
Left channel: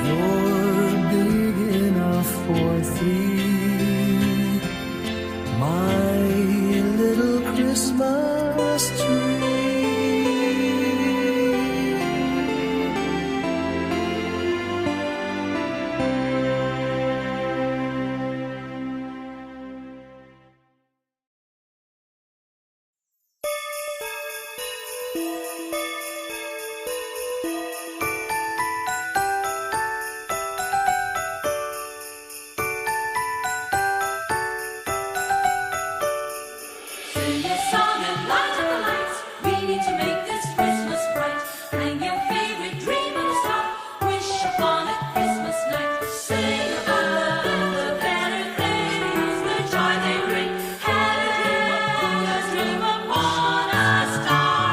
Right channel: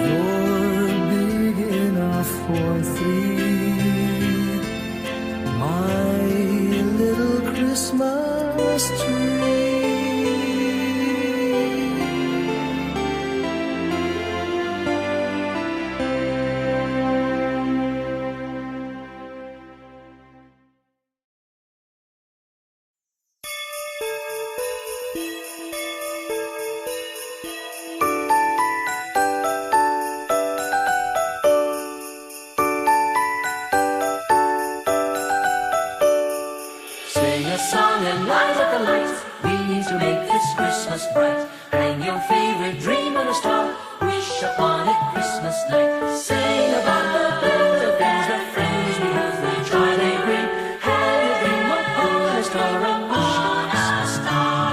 You're big enough for three, my little Christmas tree. Sing a song and light up the lights. We need to make this Christmas bright. Hang your favorite dream on a star. Wish upon it Christmas night. Sing about the birds of their friends. We move their try they ring. Have a dream of always dream upon a star.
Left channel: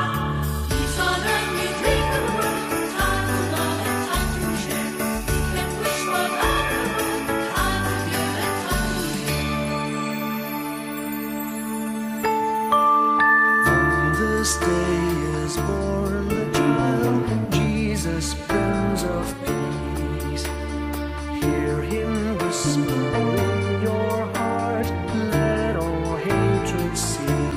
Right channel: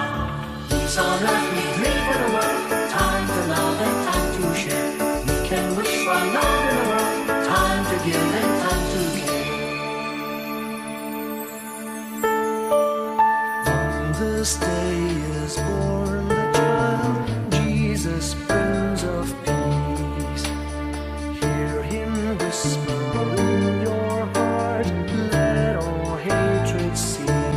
Peace on earth we dream for the world. Time to love and time to share. We can wish for yonder world. Time to give and time to hear. This day is born the child, Jesus, Prince of Peace. Hear him whisper in your heart, let all hatred cease.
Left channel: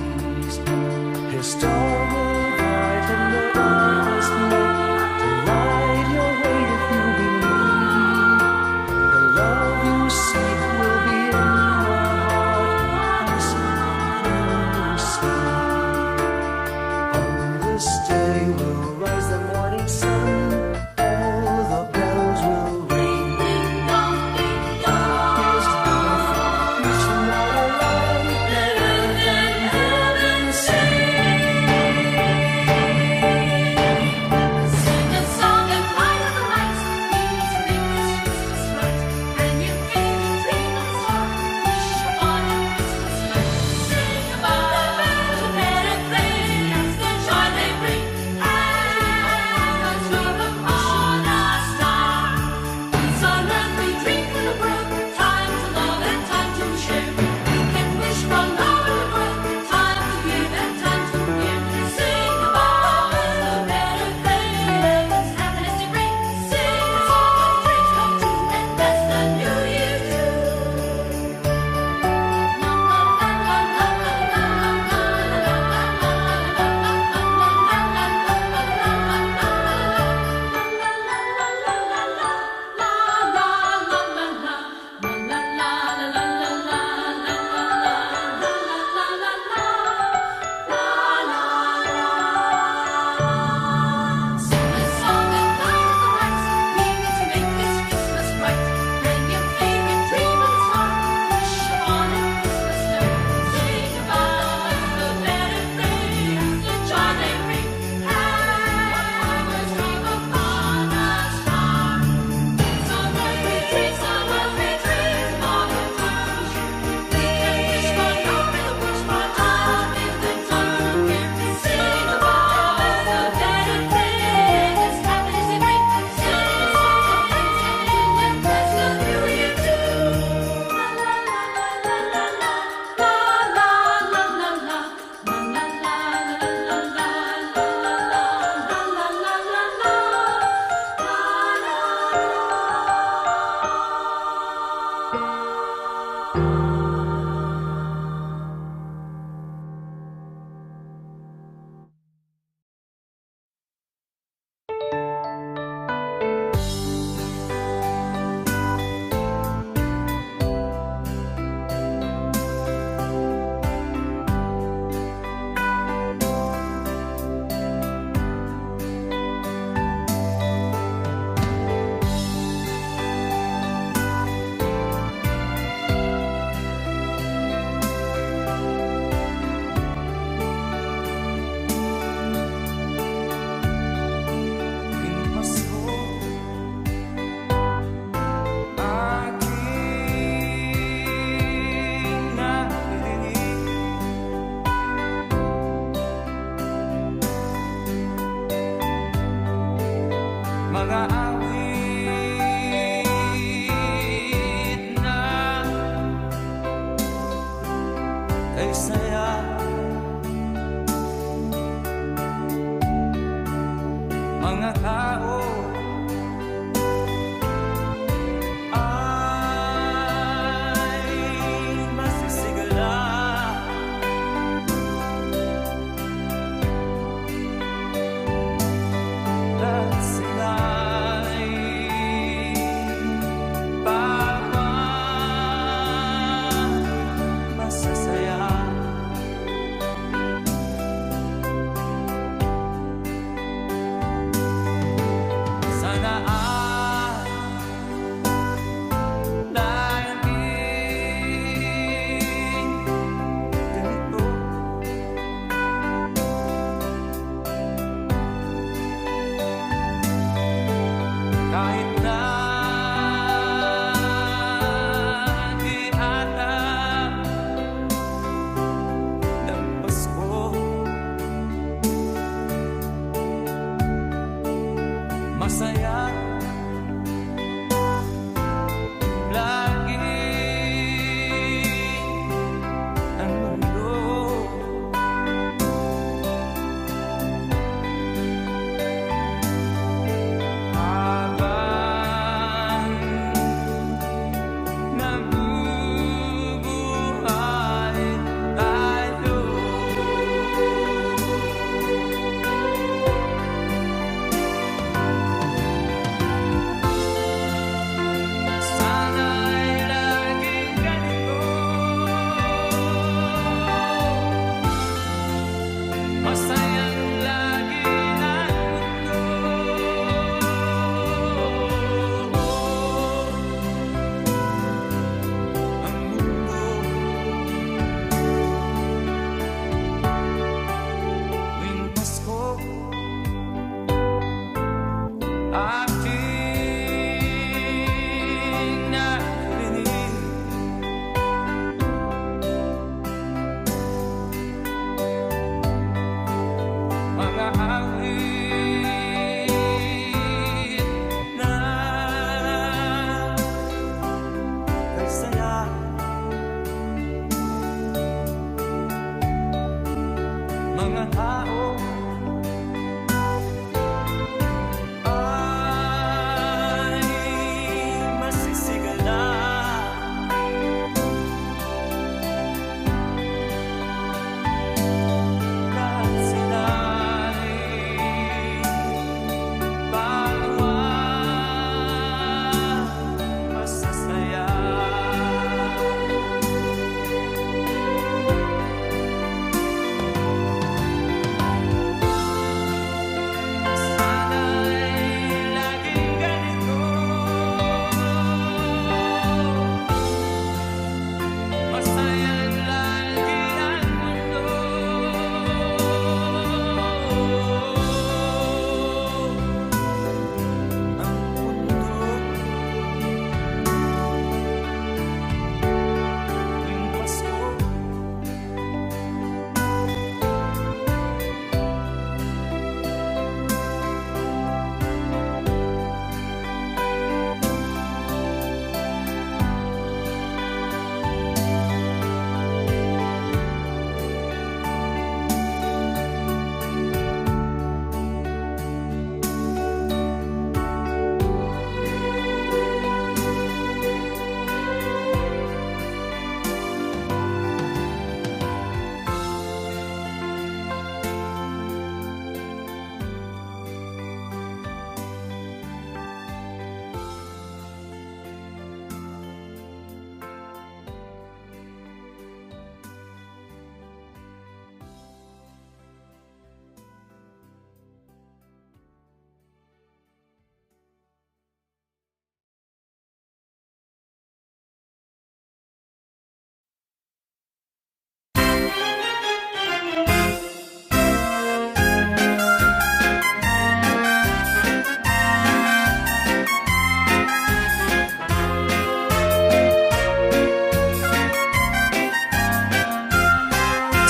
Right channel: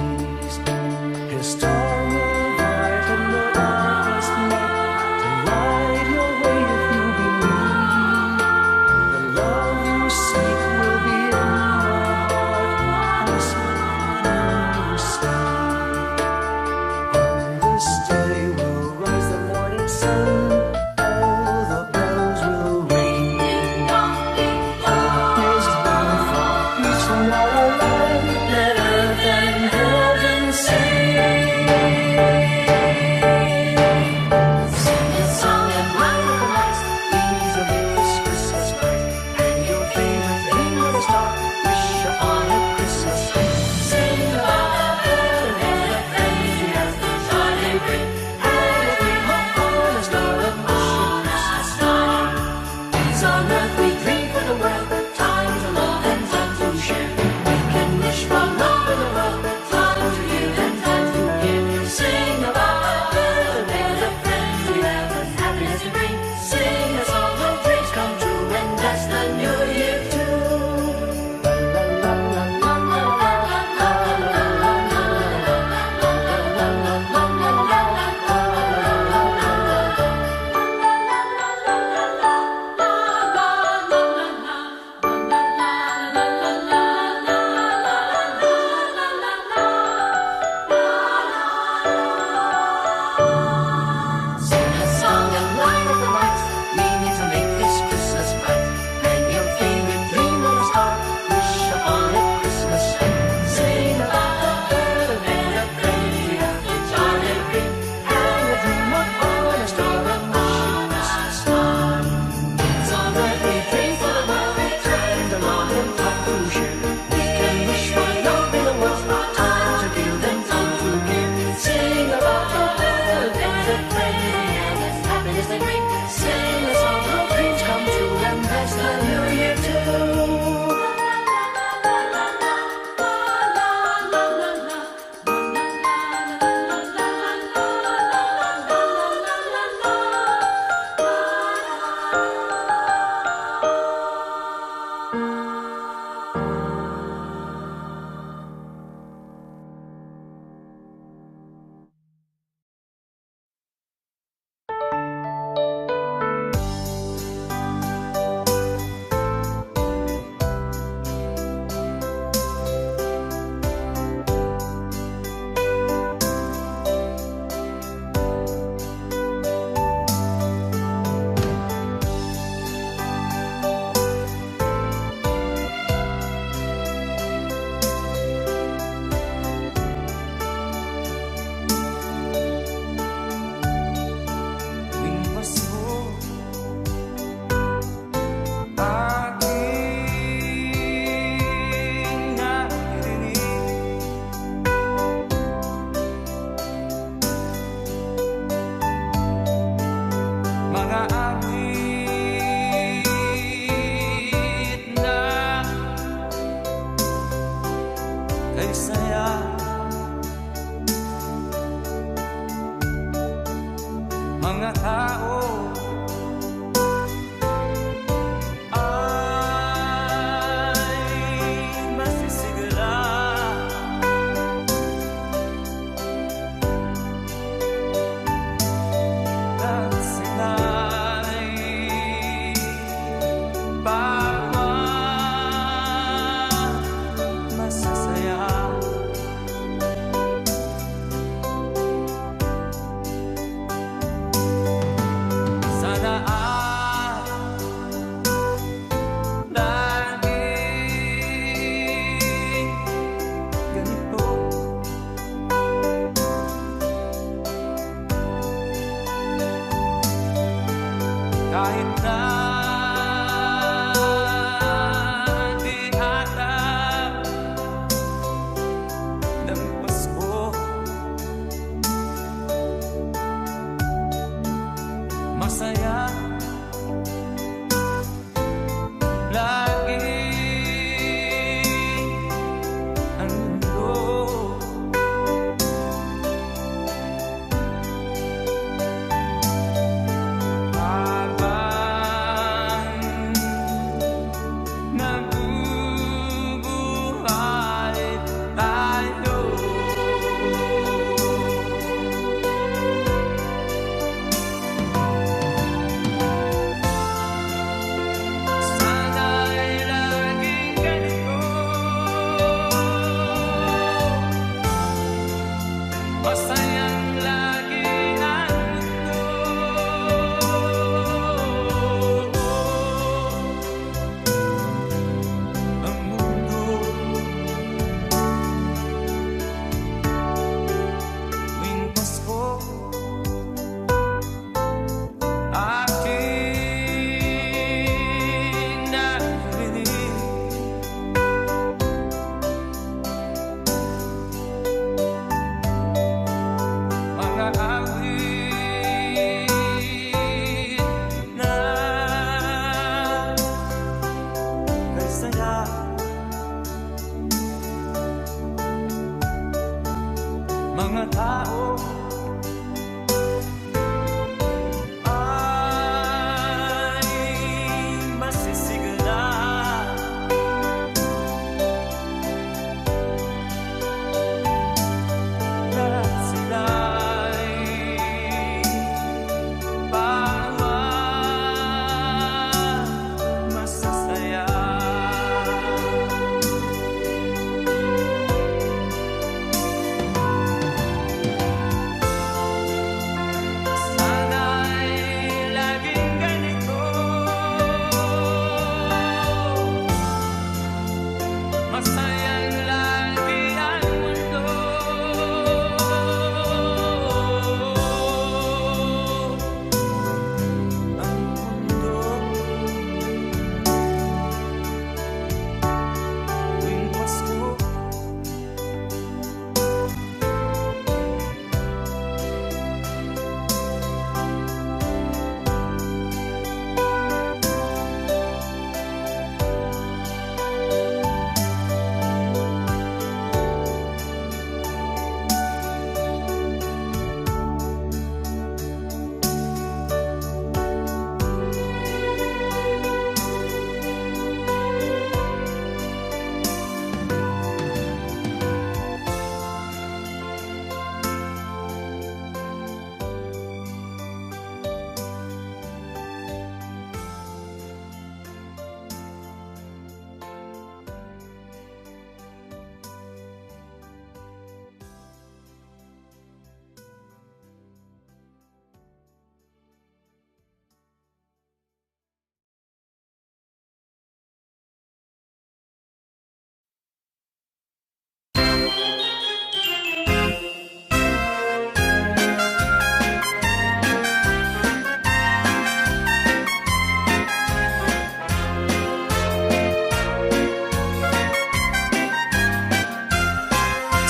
a star will brighten the darkest night to light your way if you believe. The love you seek will be in your heart as you see. On this day will rise the morning sun. All the bells will ring. Ding dong, ding dong. Here's love for peace from our land. Let earth and heaven sing. Sing a song and light the lights. We need to make this Christmas right. And you hear the dream of a star. Wish upon a Christmas night. Sing about the better things that shining ring. And all the star upon a star. It's on earth we dream for the world. Time to love and time to share. We can wish for all the world. Time to give and time to give. Sing about the better things. Happiness and rain. Sing a song when dreams come true. And that's the new year Sing a song and light up the lights. We need to make this Christmas bright. And your favorite dream of a star. Wish upon a Christmas night. Sing about the better things that shine and ring. Have a dream of all the star upon a star. It's on earth we dream for the world. We dream to love and time to share. We can wish for your better worlds. Time to give them time to give. Sing about the better things. Happiness and rain. Sing a song when dreams come true. And that's the new year too. Tuwing Pasko, aking naririnig mga awit na kay saya. Mga tao ay masisigla at sila'y bawa masasaya. Sana ay laging ganito. Kahit na di alam ng Pasko, masaya lagi ang mundo. Habang nabubuhay tayo, masayang lagi ang mundo. Ang mundo tuwing Pasko aking naririnig mga awit na kay saya. Mga tao ay masisigla. Lahat sila'y bawat masasaya. Sana'y laging ganito, masayang lagi ang mundo. Ang mundo tuwing Pasko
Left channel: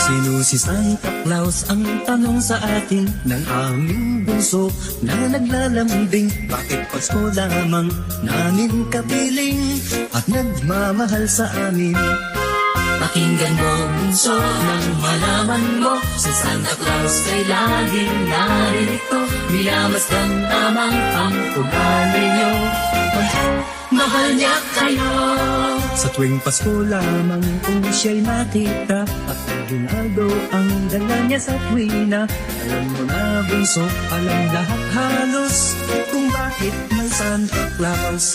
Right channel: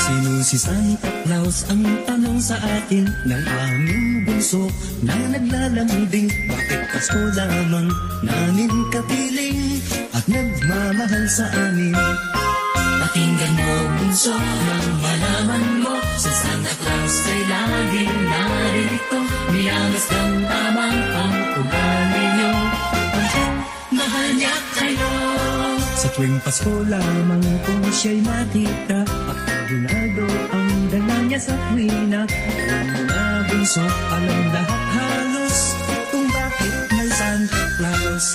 Sino si Santa Claus? Ang tanong sa atin ng aming bunso na naglalambing. Bakit Pasko lamang namin kapiling at nagmamahal sa amin? Pakinggan mo bunso nang malaman mo, si Santa Claus ay laging naririto. Minamasdan lamang ang ugali niyo, mahal niya kayo. Sa tuwing Pasko lamang kung siya'y makita at aginaldo ang dala niya sa tuwina. Alam mo na bunso, alam lahat halos kung bakit may Santa Claus.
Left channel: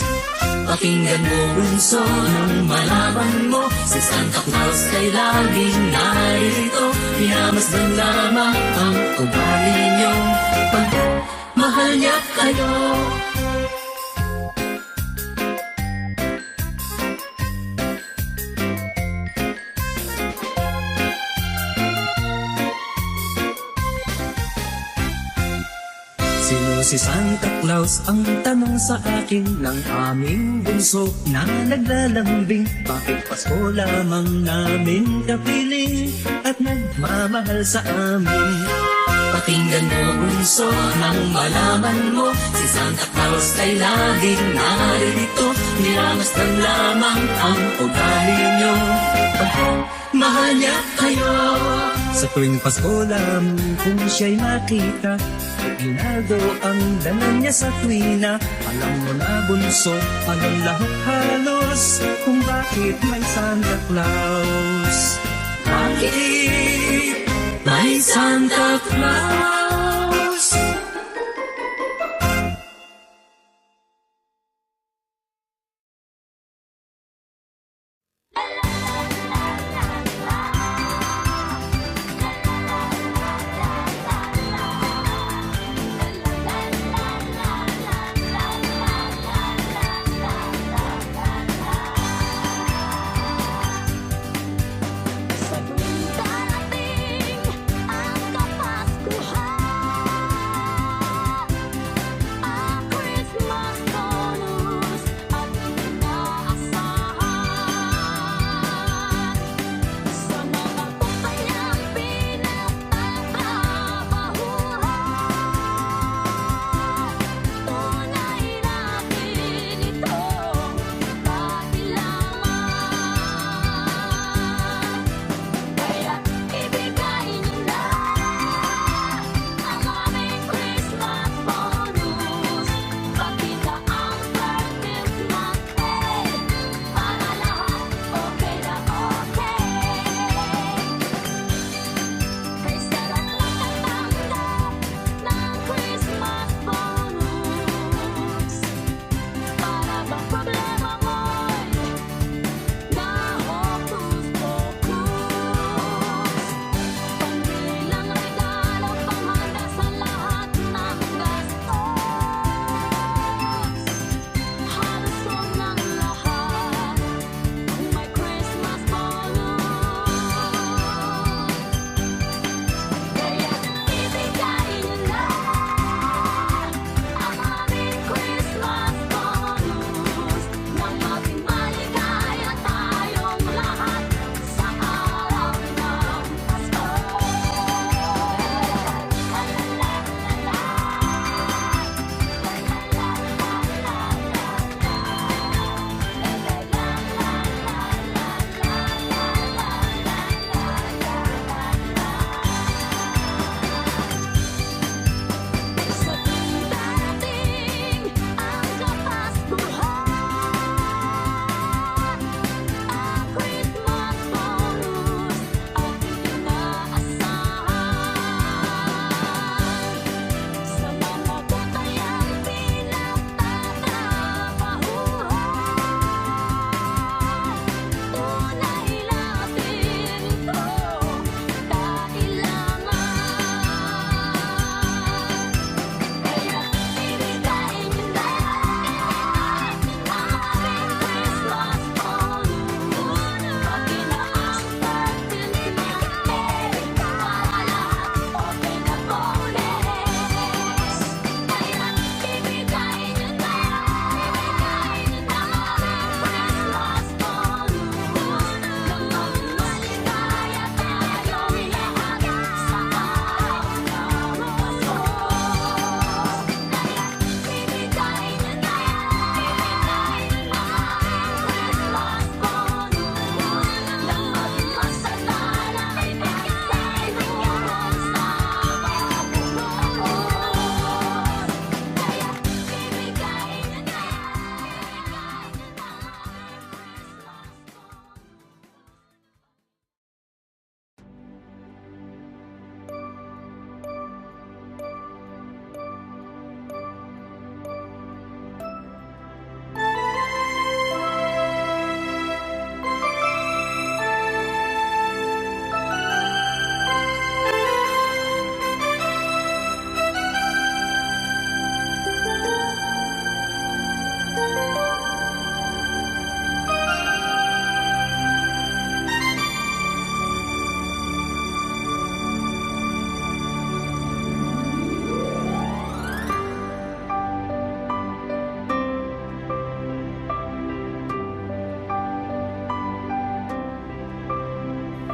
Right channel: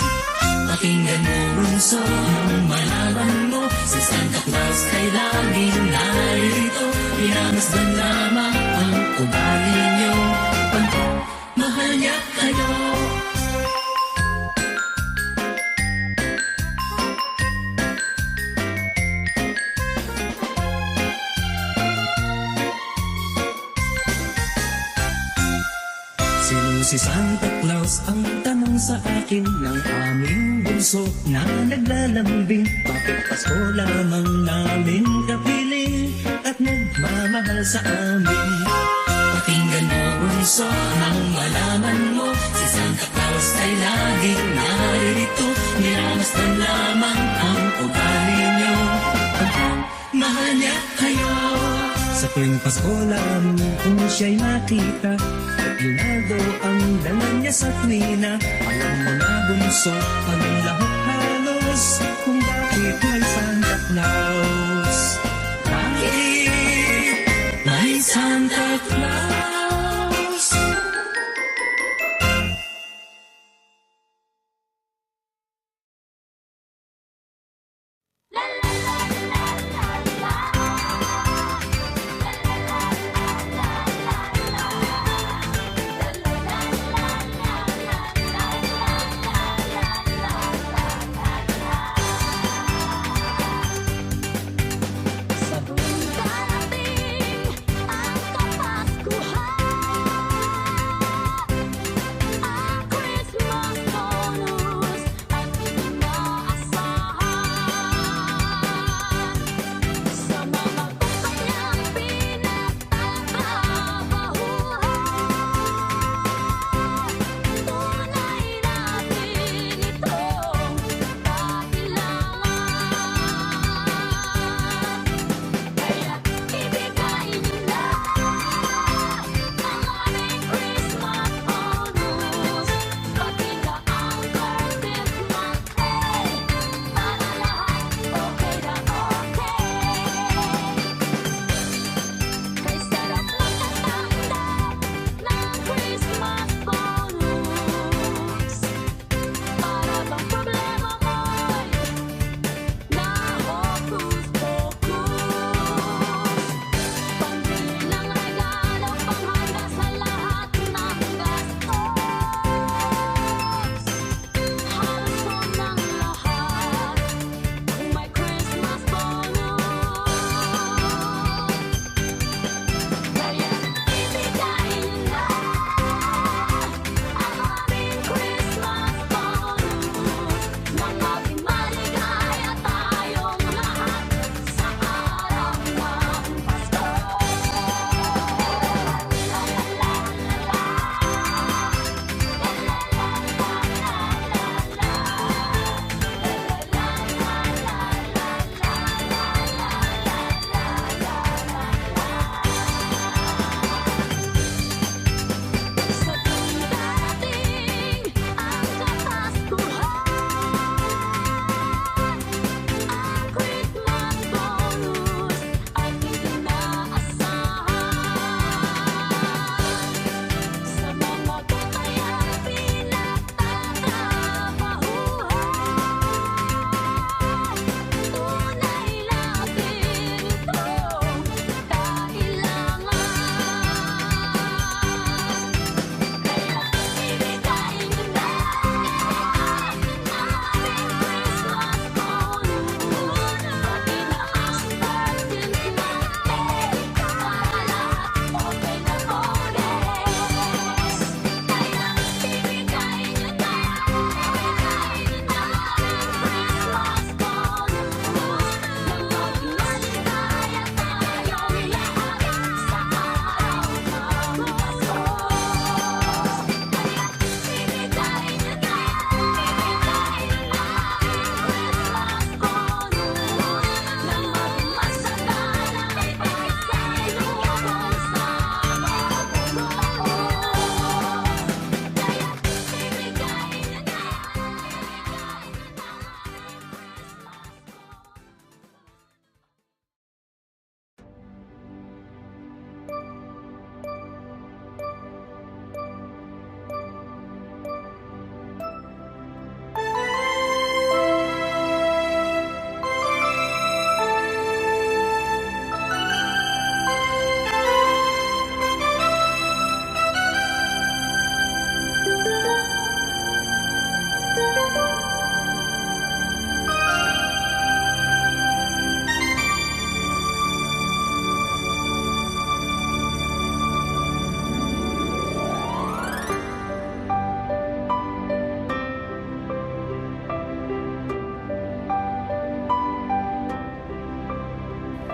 Pakinggan mo bunso nang malaman mo, si Santa Claus ay laging naririto. Minamasdan lamang ang ugali niyo, mahal niya kayo. Sino si Santa Claus? Ang tanong sa akin ng aming bunso na naglalambing. Bakit Pasko lamang namin kapiling at nagmamahal sa amin? Pakinggan mo bunso nang malaman mo, si Santa Claus ay laging naririto. Minamasdan lamang ang ugali niyo, mahal niya kayo. Sa tuwing Pasko lamang kung siya'y makita at ginaldo ang dala niya sa tuwina. Alam mo na bunso, alam lahat halos kung bakit may Santa Claus. Bakit may Santa Claus?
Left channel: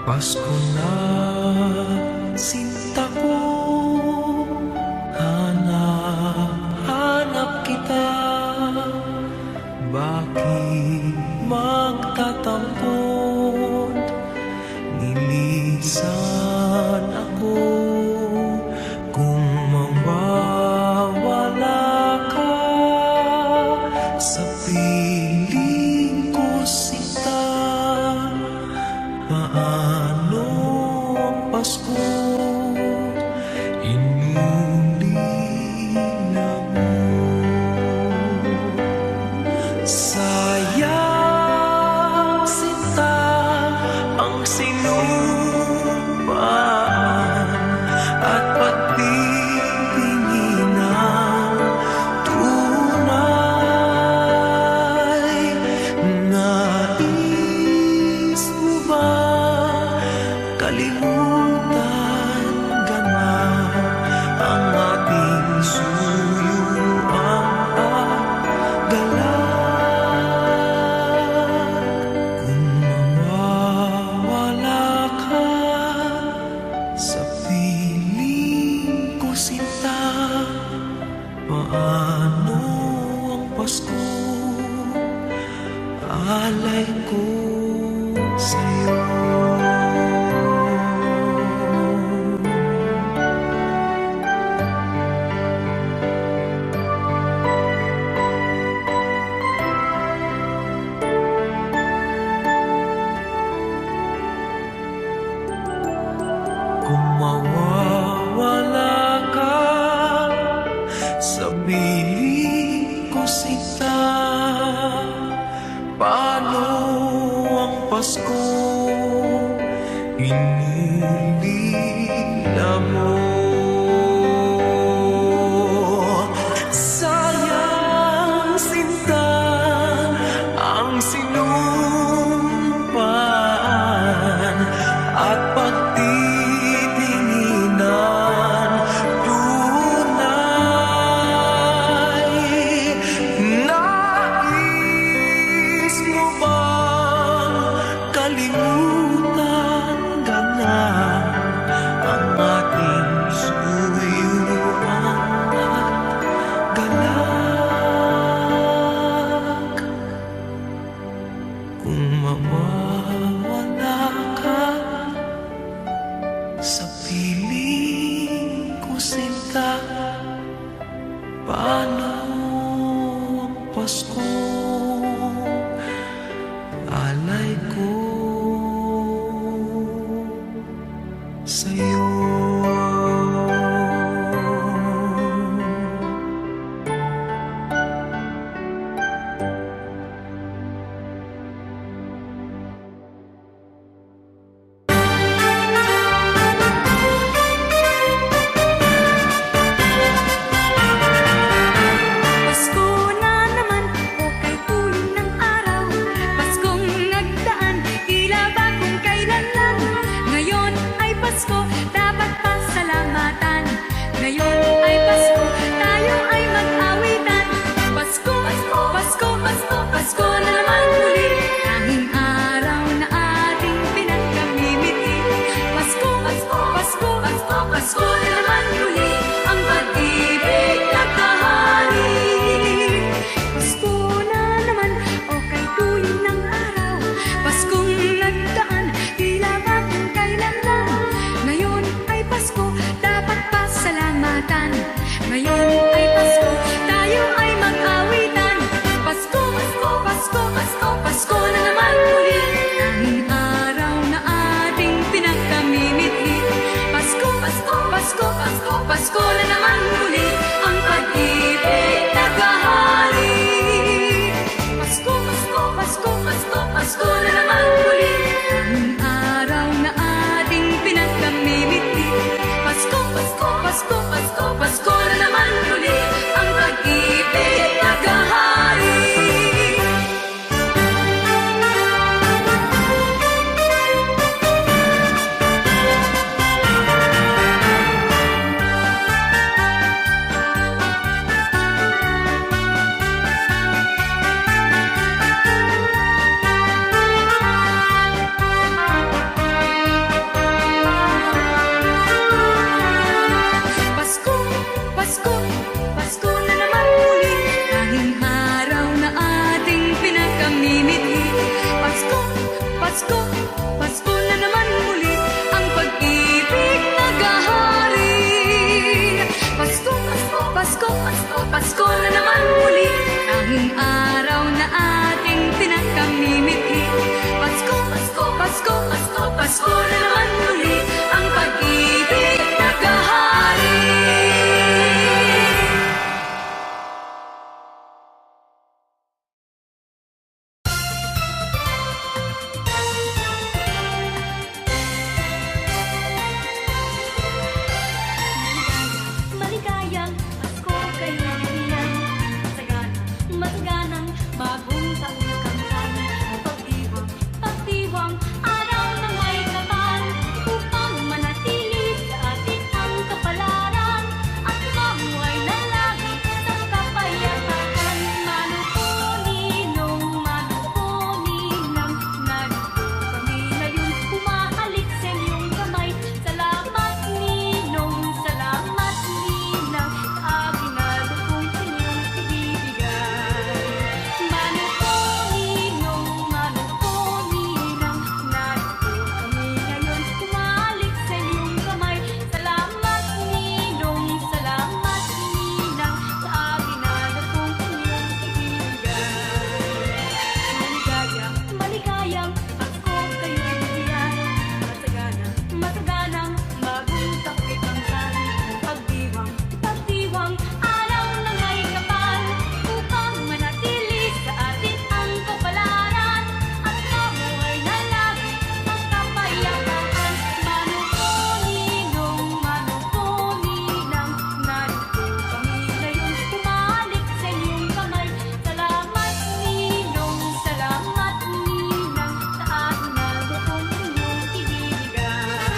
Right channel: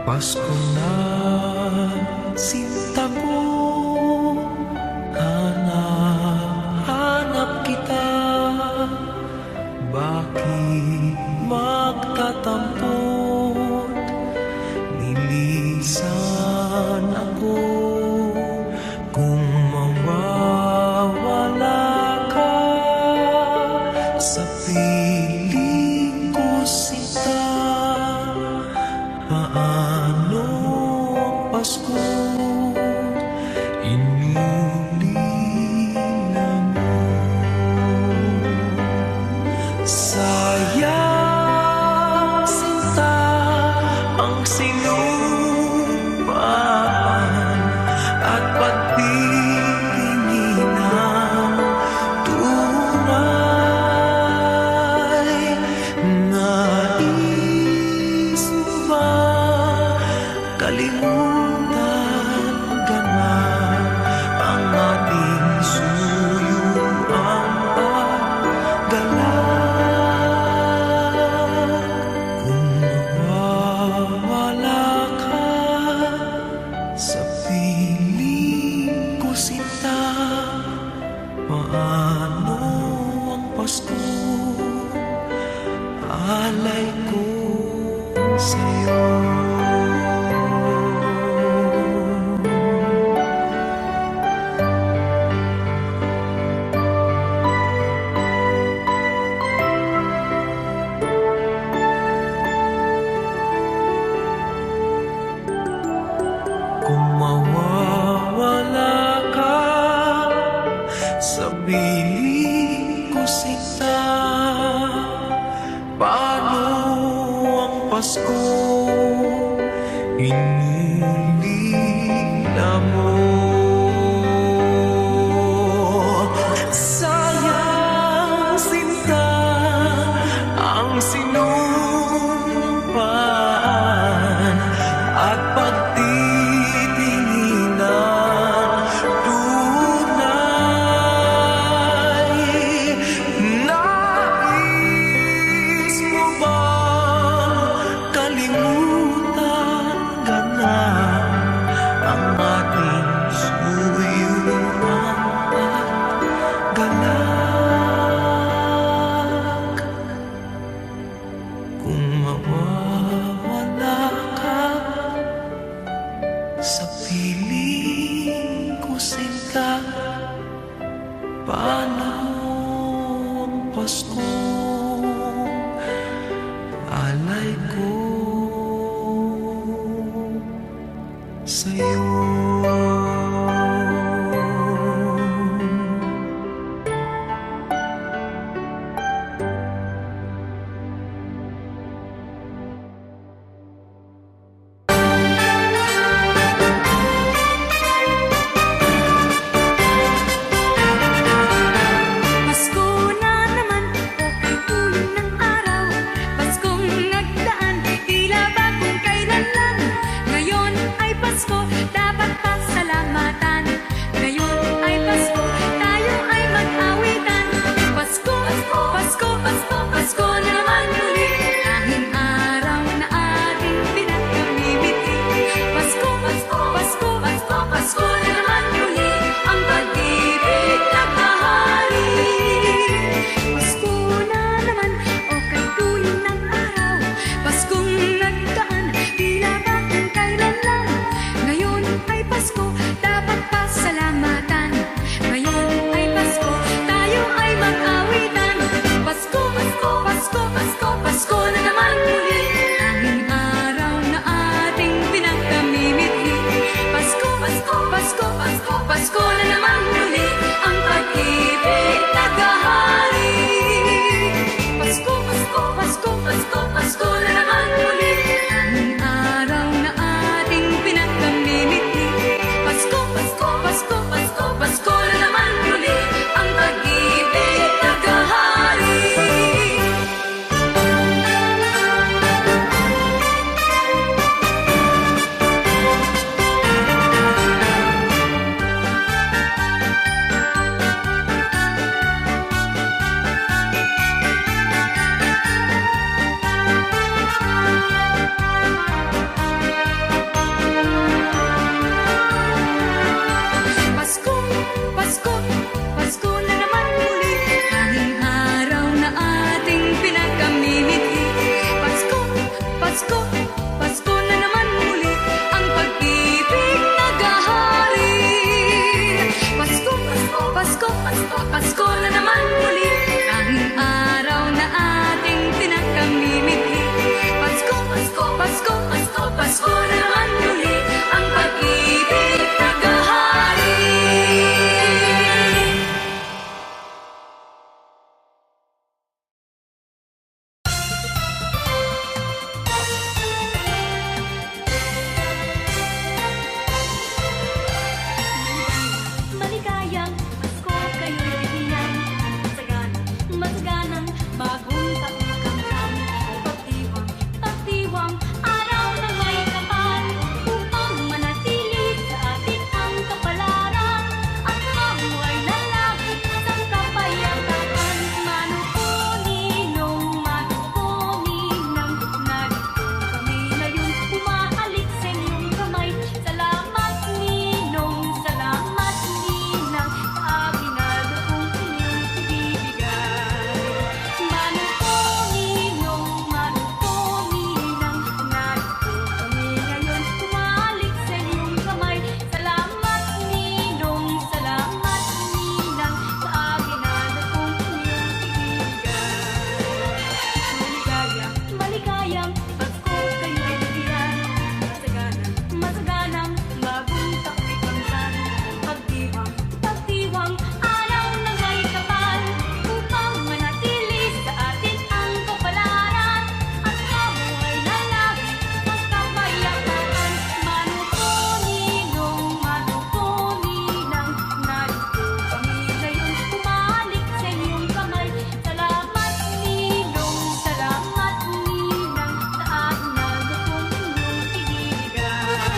Pasko na, sinta ko, hanap kita. Bakit magtatampot? Nilisan ako kung mawawala ka sa piling ko, sinta. Paano ang Pasko inulila mo? Sayang, sinta, ang sinumpaan at pagtitinginan tunay. Nais mo ba kalimutan gana ang ating suyuan at galak? Kung mawawala ka sa piling ko, sinta, paano ang Pasko? Alay ko sa'yo. Kung mawawala ka sa piling ko, sinta, paano ang Pasko inulila mo? Sayang, sinta, ang sinumpaan at pagtitinginan tunay. Nais mo bang kalimutan gana ang ating suyuan at galak? Kung mawawala ka sa piling ko, sinta, paano ang Pasko? Alay ko sa'yo. Pasko na naman, o kay tuling ng araw. Paskong nagdaan, tila ba kung kailan lang. Ngayon ay Pasko, dapat pasalamatan. Ngayon ay Pasko, tayo ay mag-awitan. Pasko, Pasko, Pasko, Pasko, Pasko na naman muli. Tanging araw na ating pinakamimiti. Pasko, Pasko, Pasko, Pasko, Pasko na naman muli. Ang pag-ibig naghahari. Pasko na naman, o kay tuwing ng araw. Paskong nagdaan, tila ba kung kailan lang. Ngayon ay Pasko, dapat pasalamatan. Ngayon ay Pasko, tayo ay mag-awitan. Pasko, Pasko, Pasko, Pasko, Pasko na naman muli. Tanging araw na ating pinakamimithi. Pasko, Pasko, Pasko, Pasko, Pasko na naman muli. Ang pag-ibig naghahari. Pasko, Pasko, Pasko, Pasko, Pasko na naman muli. Tanging araw na ating pinakamimithi. Pasko, Pasko, Pasko, Pasko, Pasko na naman muli. Ang pag-ibig naghahari. Pasko, Pasko na naman muli, ang pag-ibig naghahari. Pasko, Pasko, Pasko, Pasko, Pasko na naman muli, tanging araw na ating pinakamimithi. Pasko, Pasko, Pasko, Pasko, Pasko na naman muli, ang pag-ibig naghahari. Maligayang Pasko kayo'y bigyan. Masaganang bagong taong kamtan. Pagdiwang, pagdiwang, araw ng may kapal, upang manatili sa atin ang kapalaran, at mamuhay na lagi sa kapayapaan. Manuko ninong, manuko ninang, narito kami ngayon, umahalik sa inyong kamay. Salamat ninong, salamat ninang, sa aginaldo kong inyong ibibigay. Manuko ninong, manuko ninang, narito kami ngayon, umahalik sa inyong kamay. Salamat ninong, salamat ninang, sa aginaldo kong inyong ibibigay. Maligayang, maligayang Pasko kayo'y bigyan. Masaganang, masaganang bagong tao'y kamtan. Pagdiwang, pagdiwang, araw ng may kapal, upang manatili sa atin ang kapalaran, at mamuhay na lagi ang kapayapaan. Manuko ninong, manuko ninang, narito kami ngayon, umahalik sa inyong kamay. Salamat ninong, salamat ninang, sa aginaldo kong inyong ibibigay.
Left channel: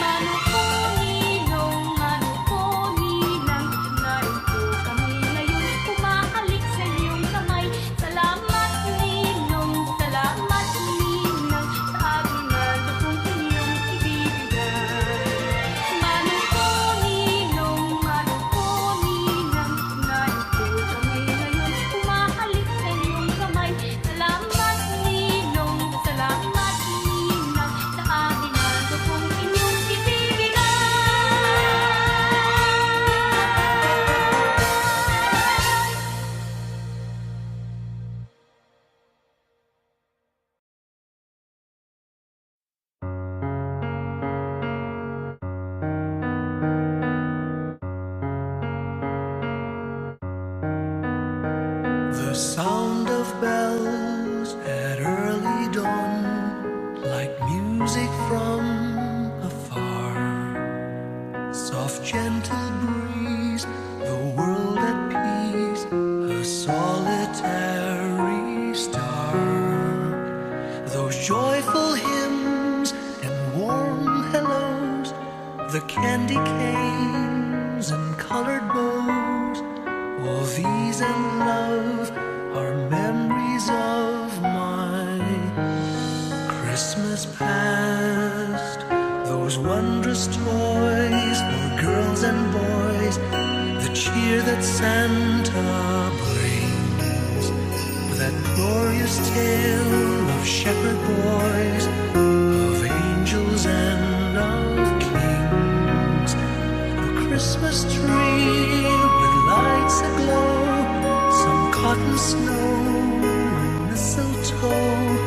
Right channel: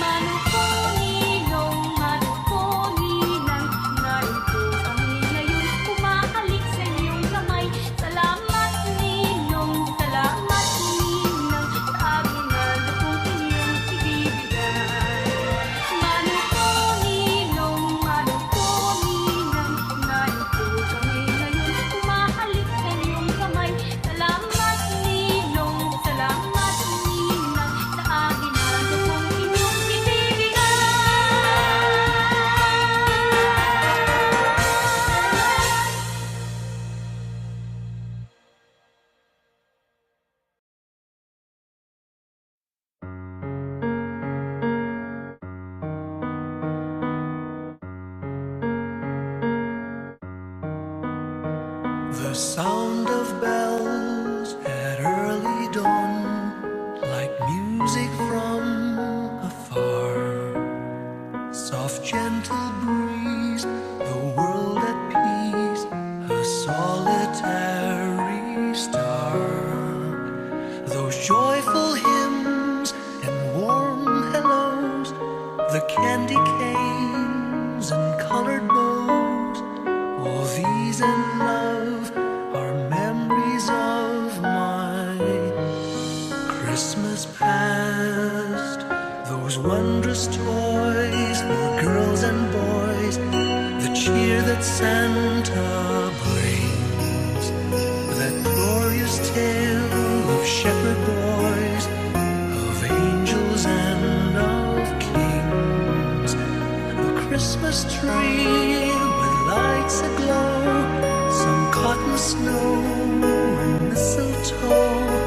Manuko ninong, manuko ninang, narito kami ngayon, umahalik sa inyong kamay. Salamat ninong, salamat ninang, sa aginaldo kong inyong ibibigay. Manuko ninong, manuko ninang, narito kami ngayon, umahalik sa inyong kamay. Salamat ninong, salamat ninang, sa aginaldo kong inyong ibibigay. The sound of bells at early dawn, like music from afar. Soft, gentle breeze, the world at peace, a solitary star. Those joyful hymns and warm hellos, the candy canes and colored bows, all these and love are memories of my Christmas past. Those wondrous toys for girls and boys, the cheer that Santa brings, that glorious tale of shepherd boys, of angels and of kings. A Christmas tree with lights aglow, some cotton snow and mistletoe,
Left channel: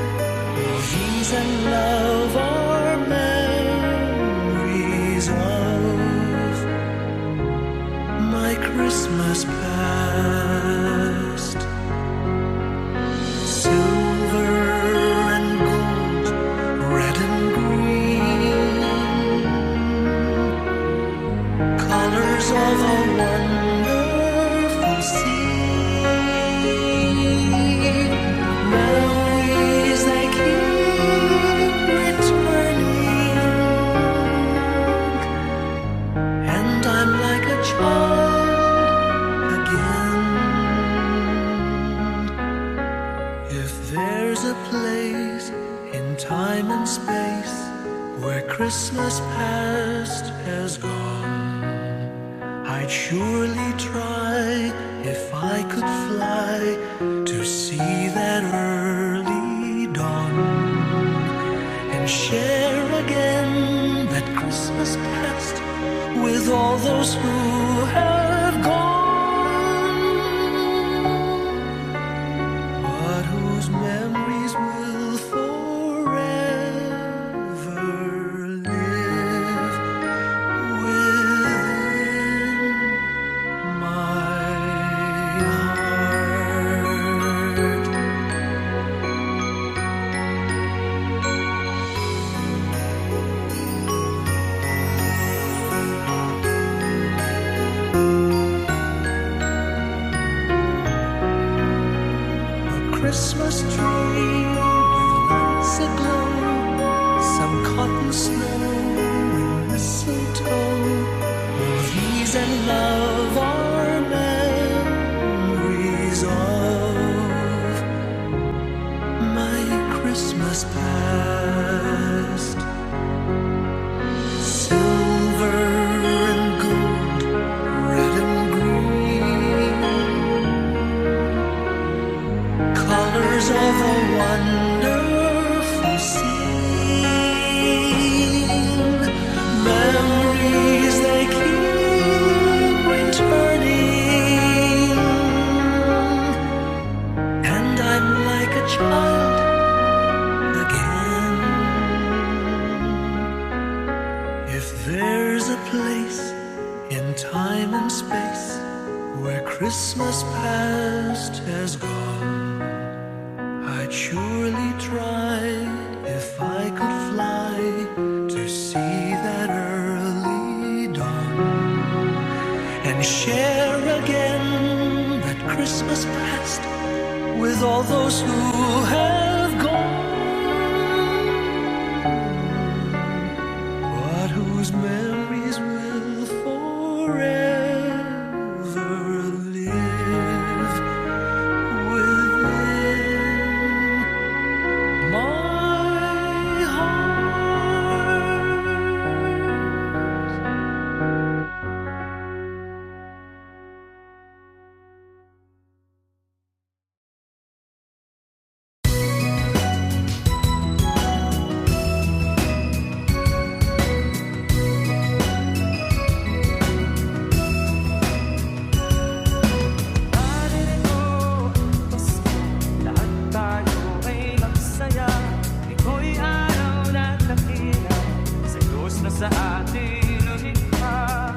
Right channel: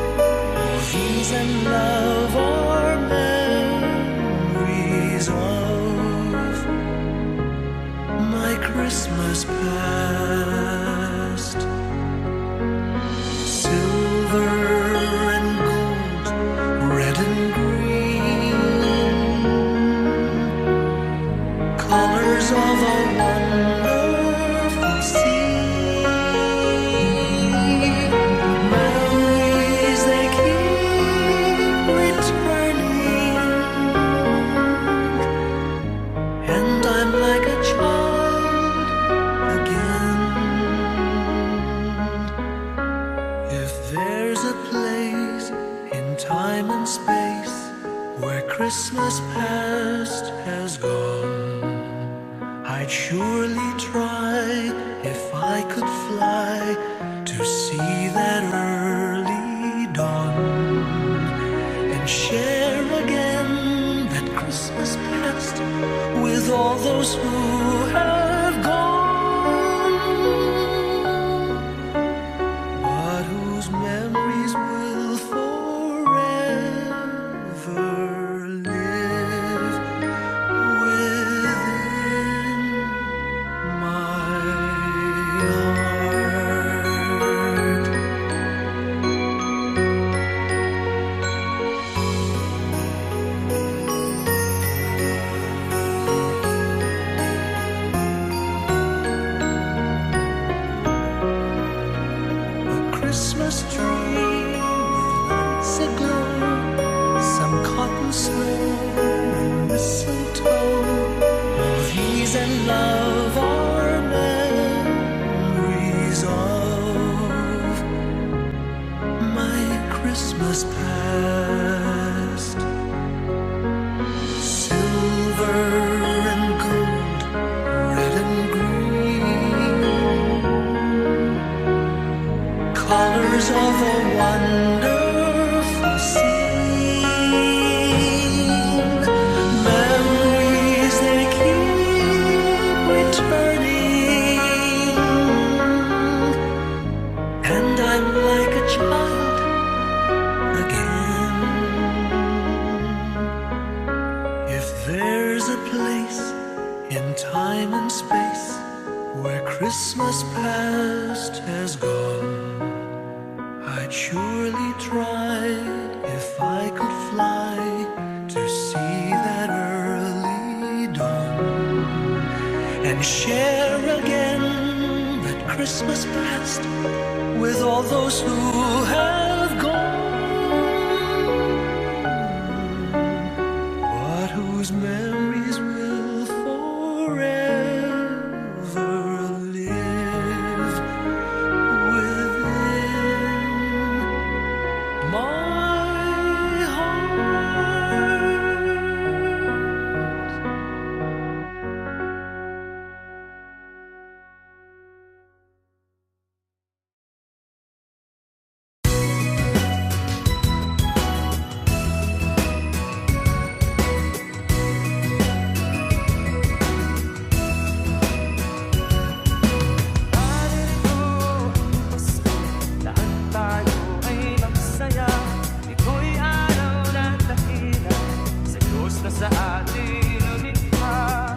all these and love are memories of my Christmas past. Silver and gold, red and green, colors of a wonderful scene. Memories they keep returning, and I'm like a child If there's a place in time and space where Christmas past has gone, I'd surely try, if I could fly, to see that early dawn and share again that Christmas past with all those who have gone, but whose memories will forever live within my heart. A Christmas tree with lights aglow, some cotton snow and mistletoe, all these and love are memories of my Christmas past. Silver and gold, red and green, colors of a wonderful scene. Memories they keep returning, and I'm like a child again. If there's a place in time and space where Christmas past has gone, I'd surely try, if I could fly, to see that early dawn and share again that Christmas past with all those who have gone, but whose memories will forever live within my heart. Naririto ang Pasko, lahat tayo ay magsaya. Ito'y araw na dakila sa Diyos na sa atin lumikha.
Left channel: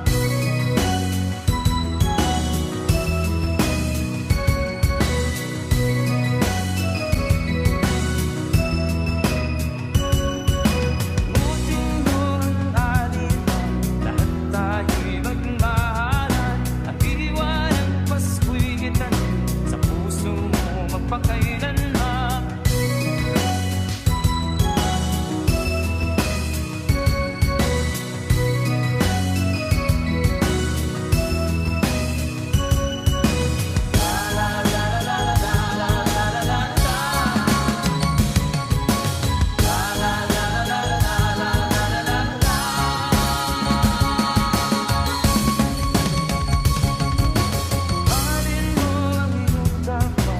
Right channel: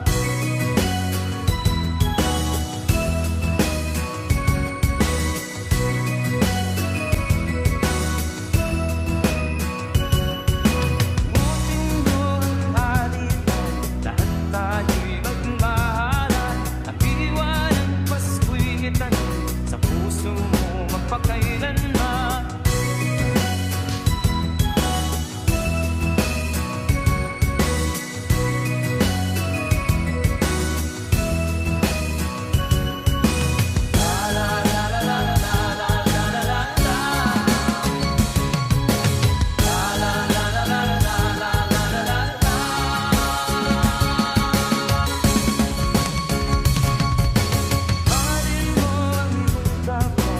Muting ang alitan, lahat tayo'y magmahalan. Ang diwa ng Pasko'y itanim sa puso mo magpakailanman. Mahalin mo ang iyong kapwa,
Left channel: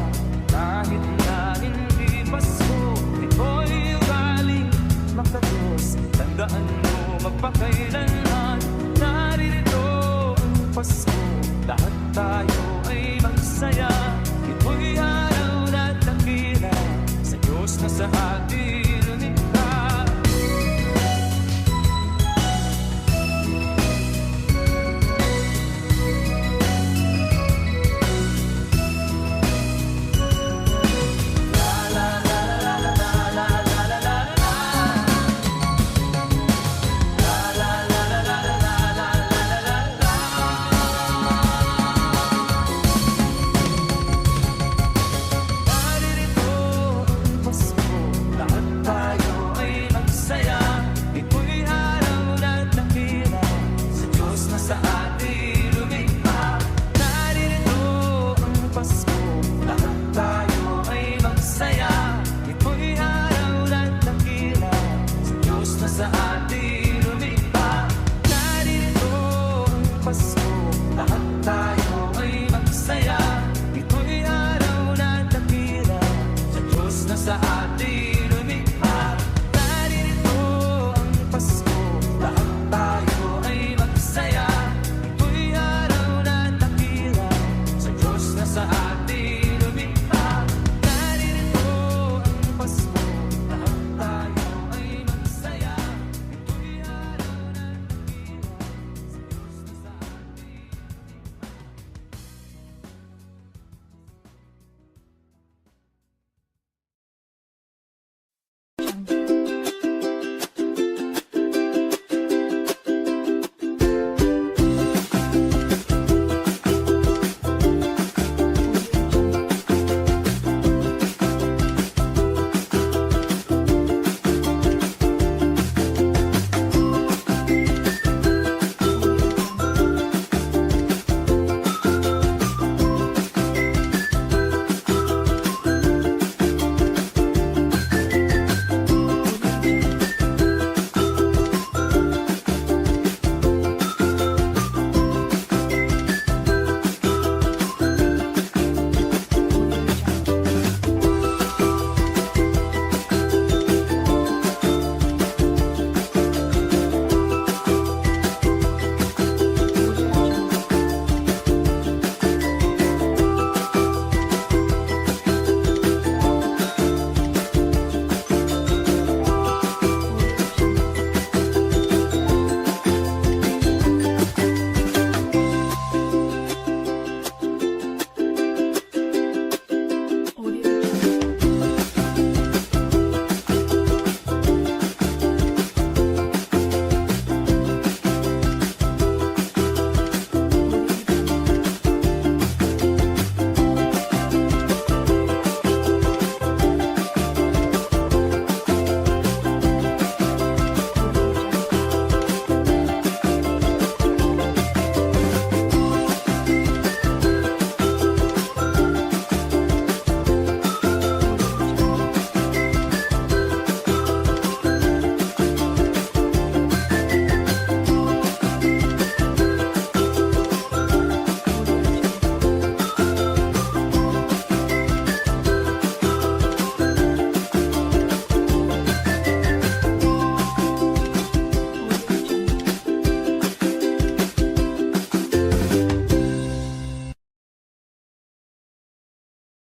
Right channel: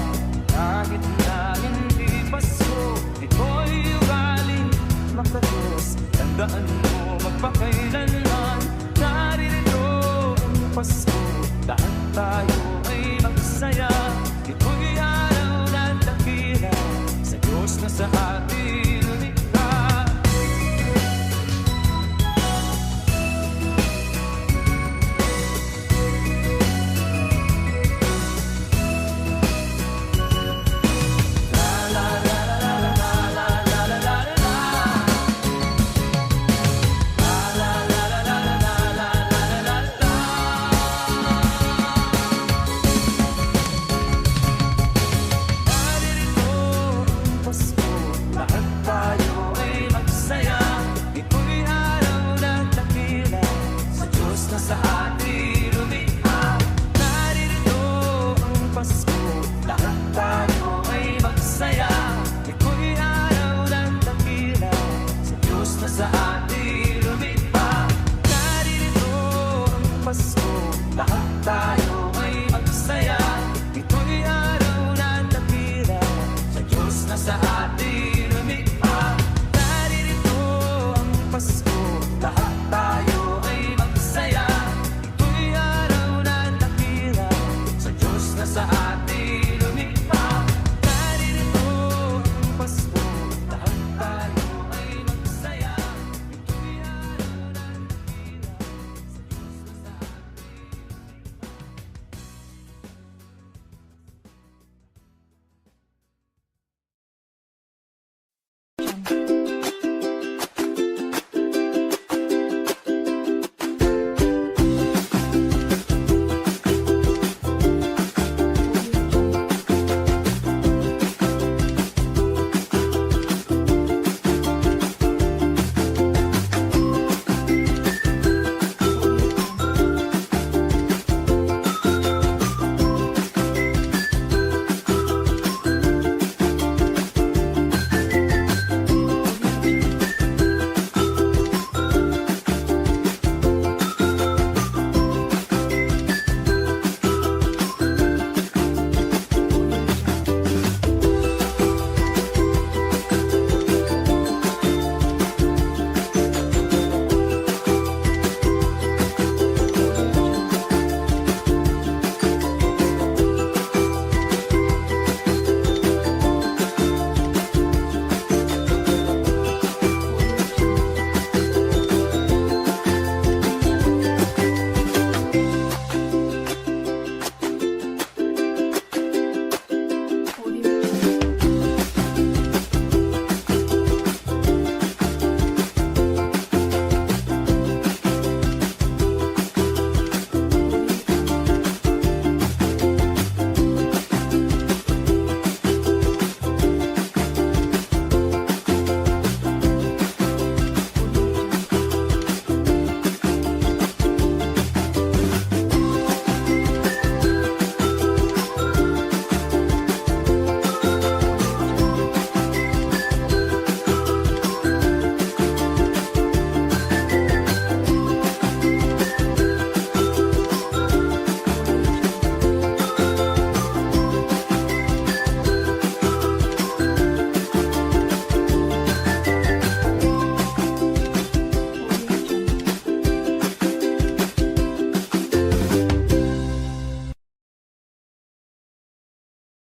kahit na hindi Pasko. Ito'y ugali makadiyos, tandaan mo magpakailanman. Naririto ang Pasko, lahat tayo ay magsaya. Ito'y araw na dakila sa Diyos na sa atin lumikha. Naririto ang Pasko, lahat sa atin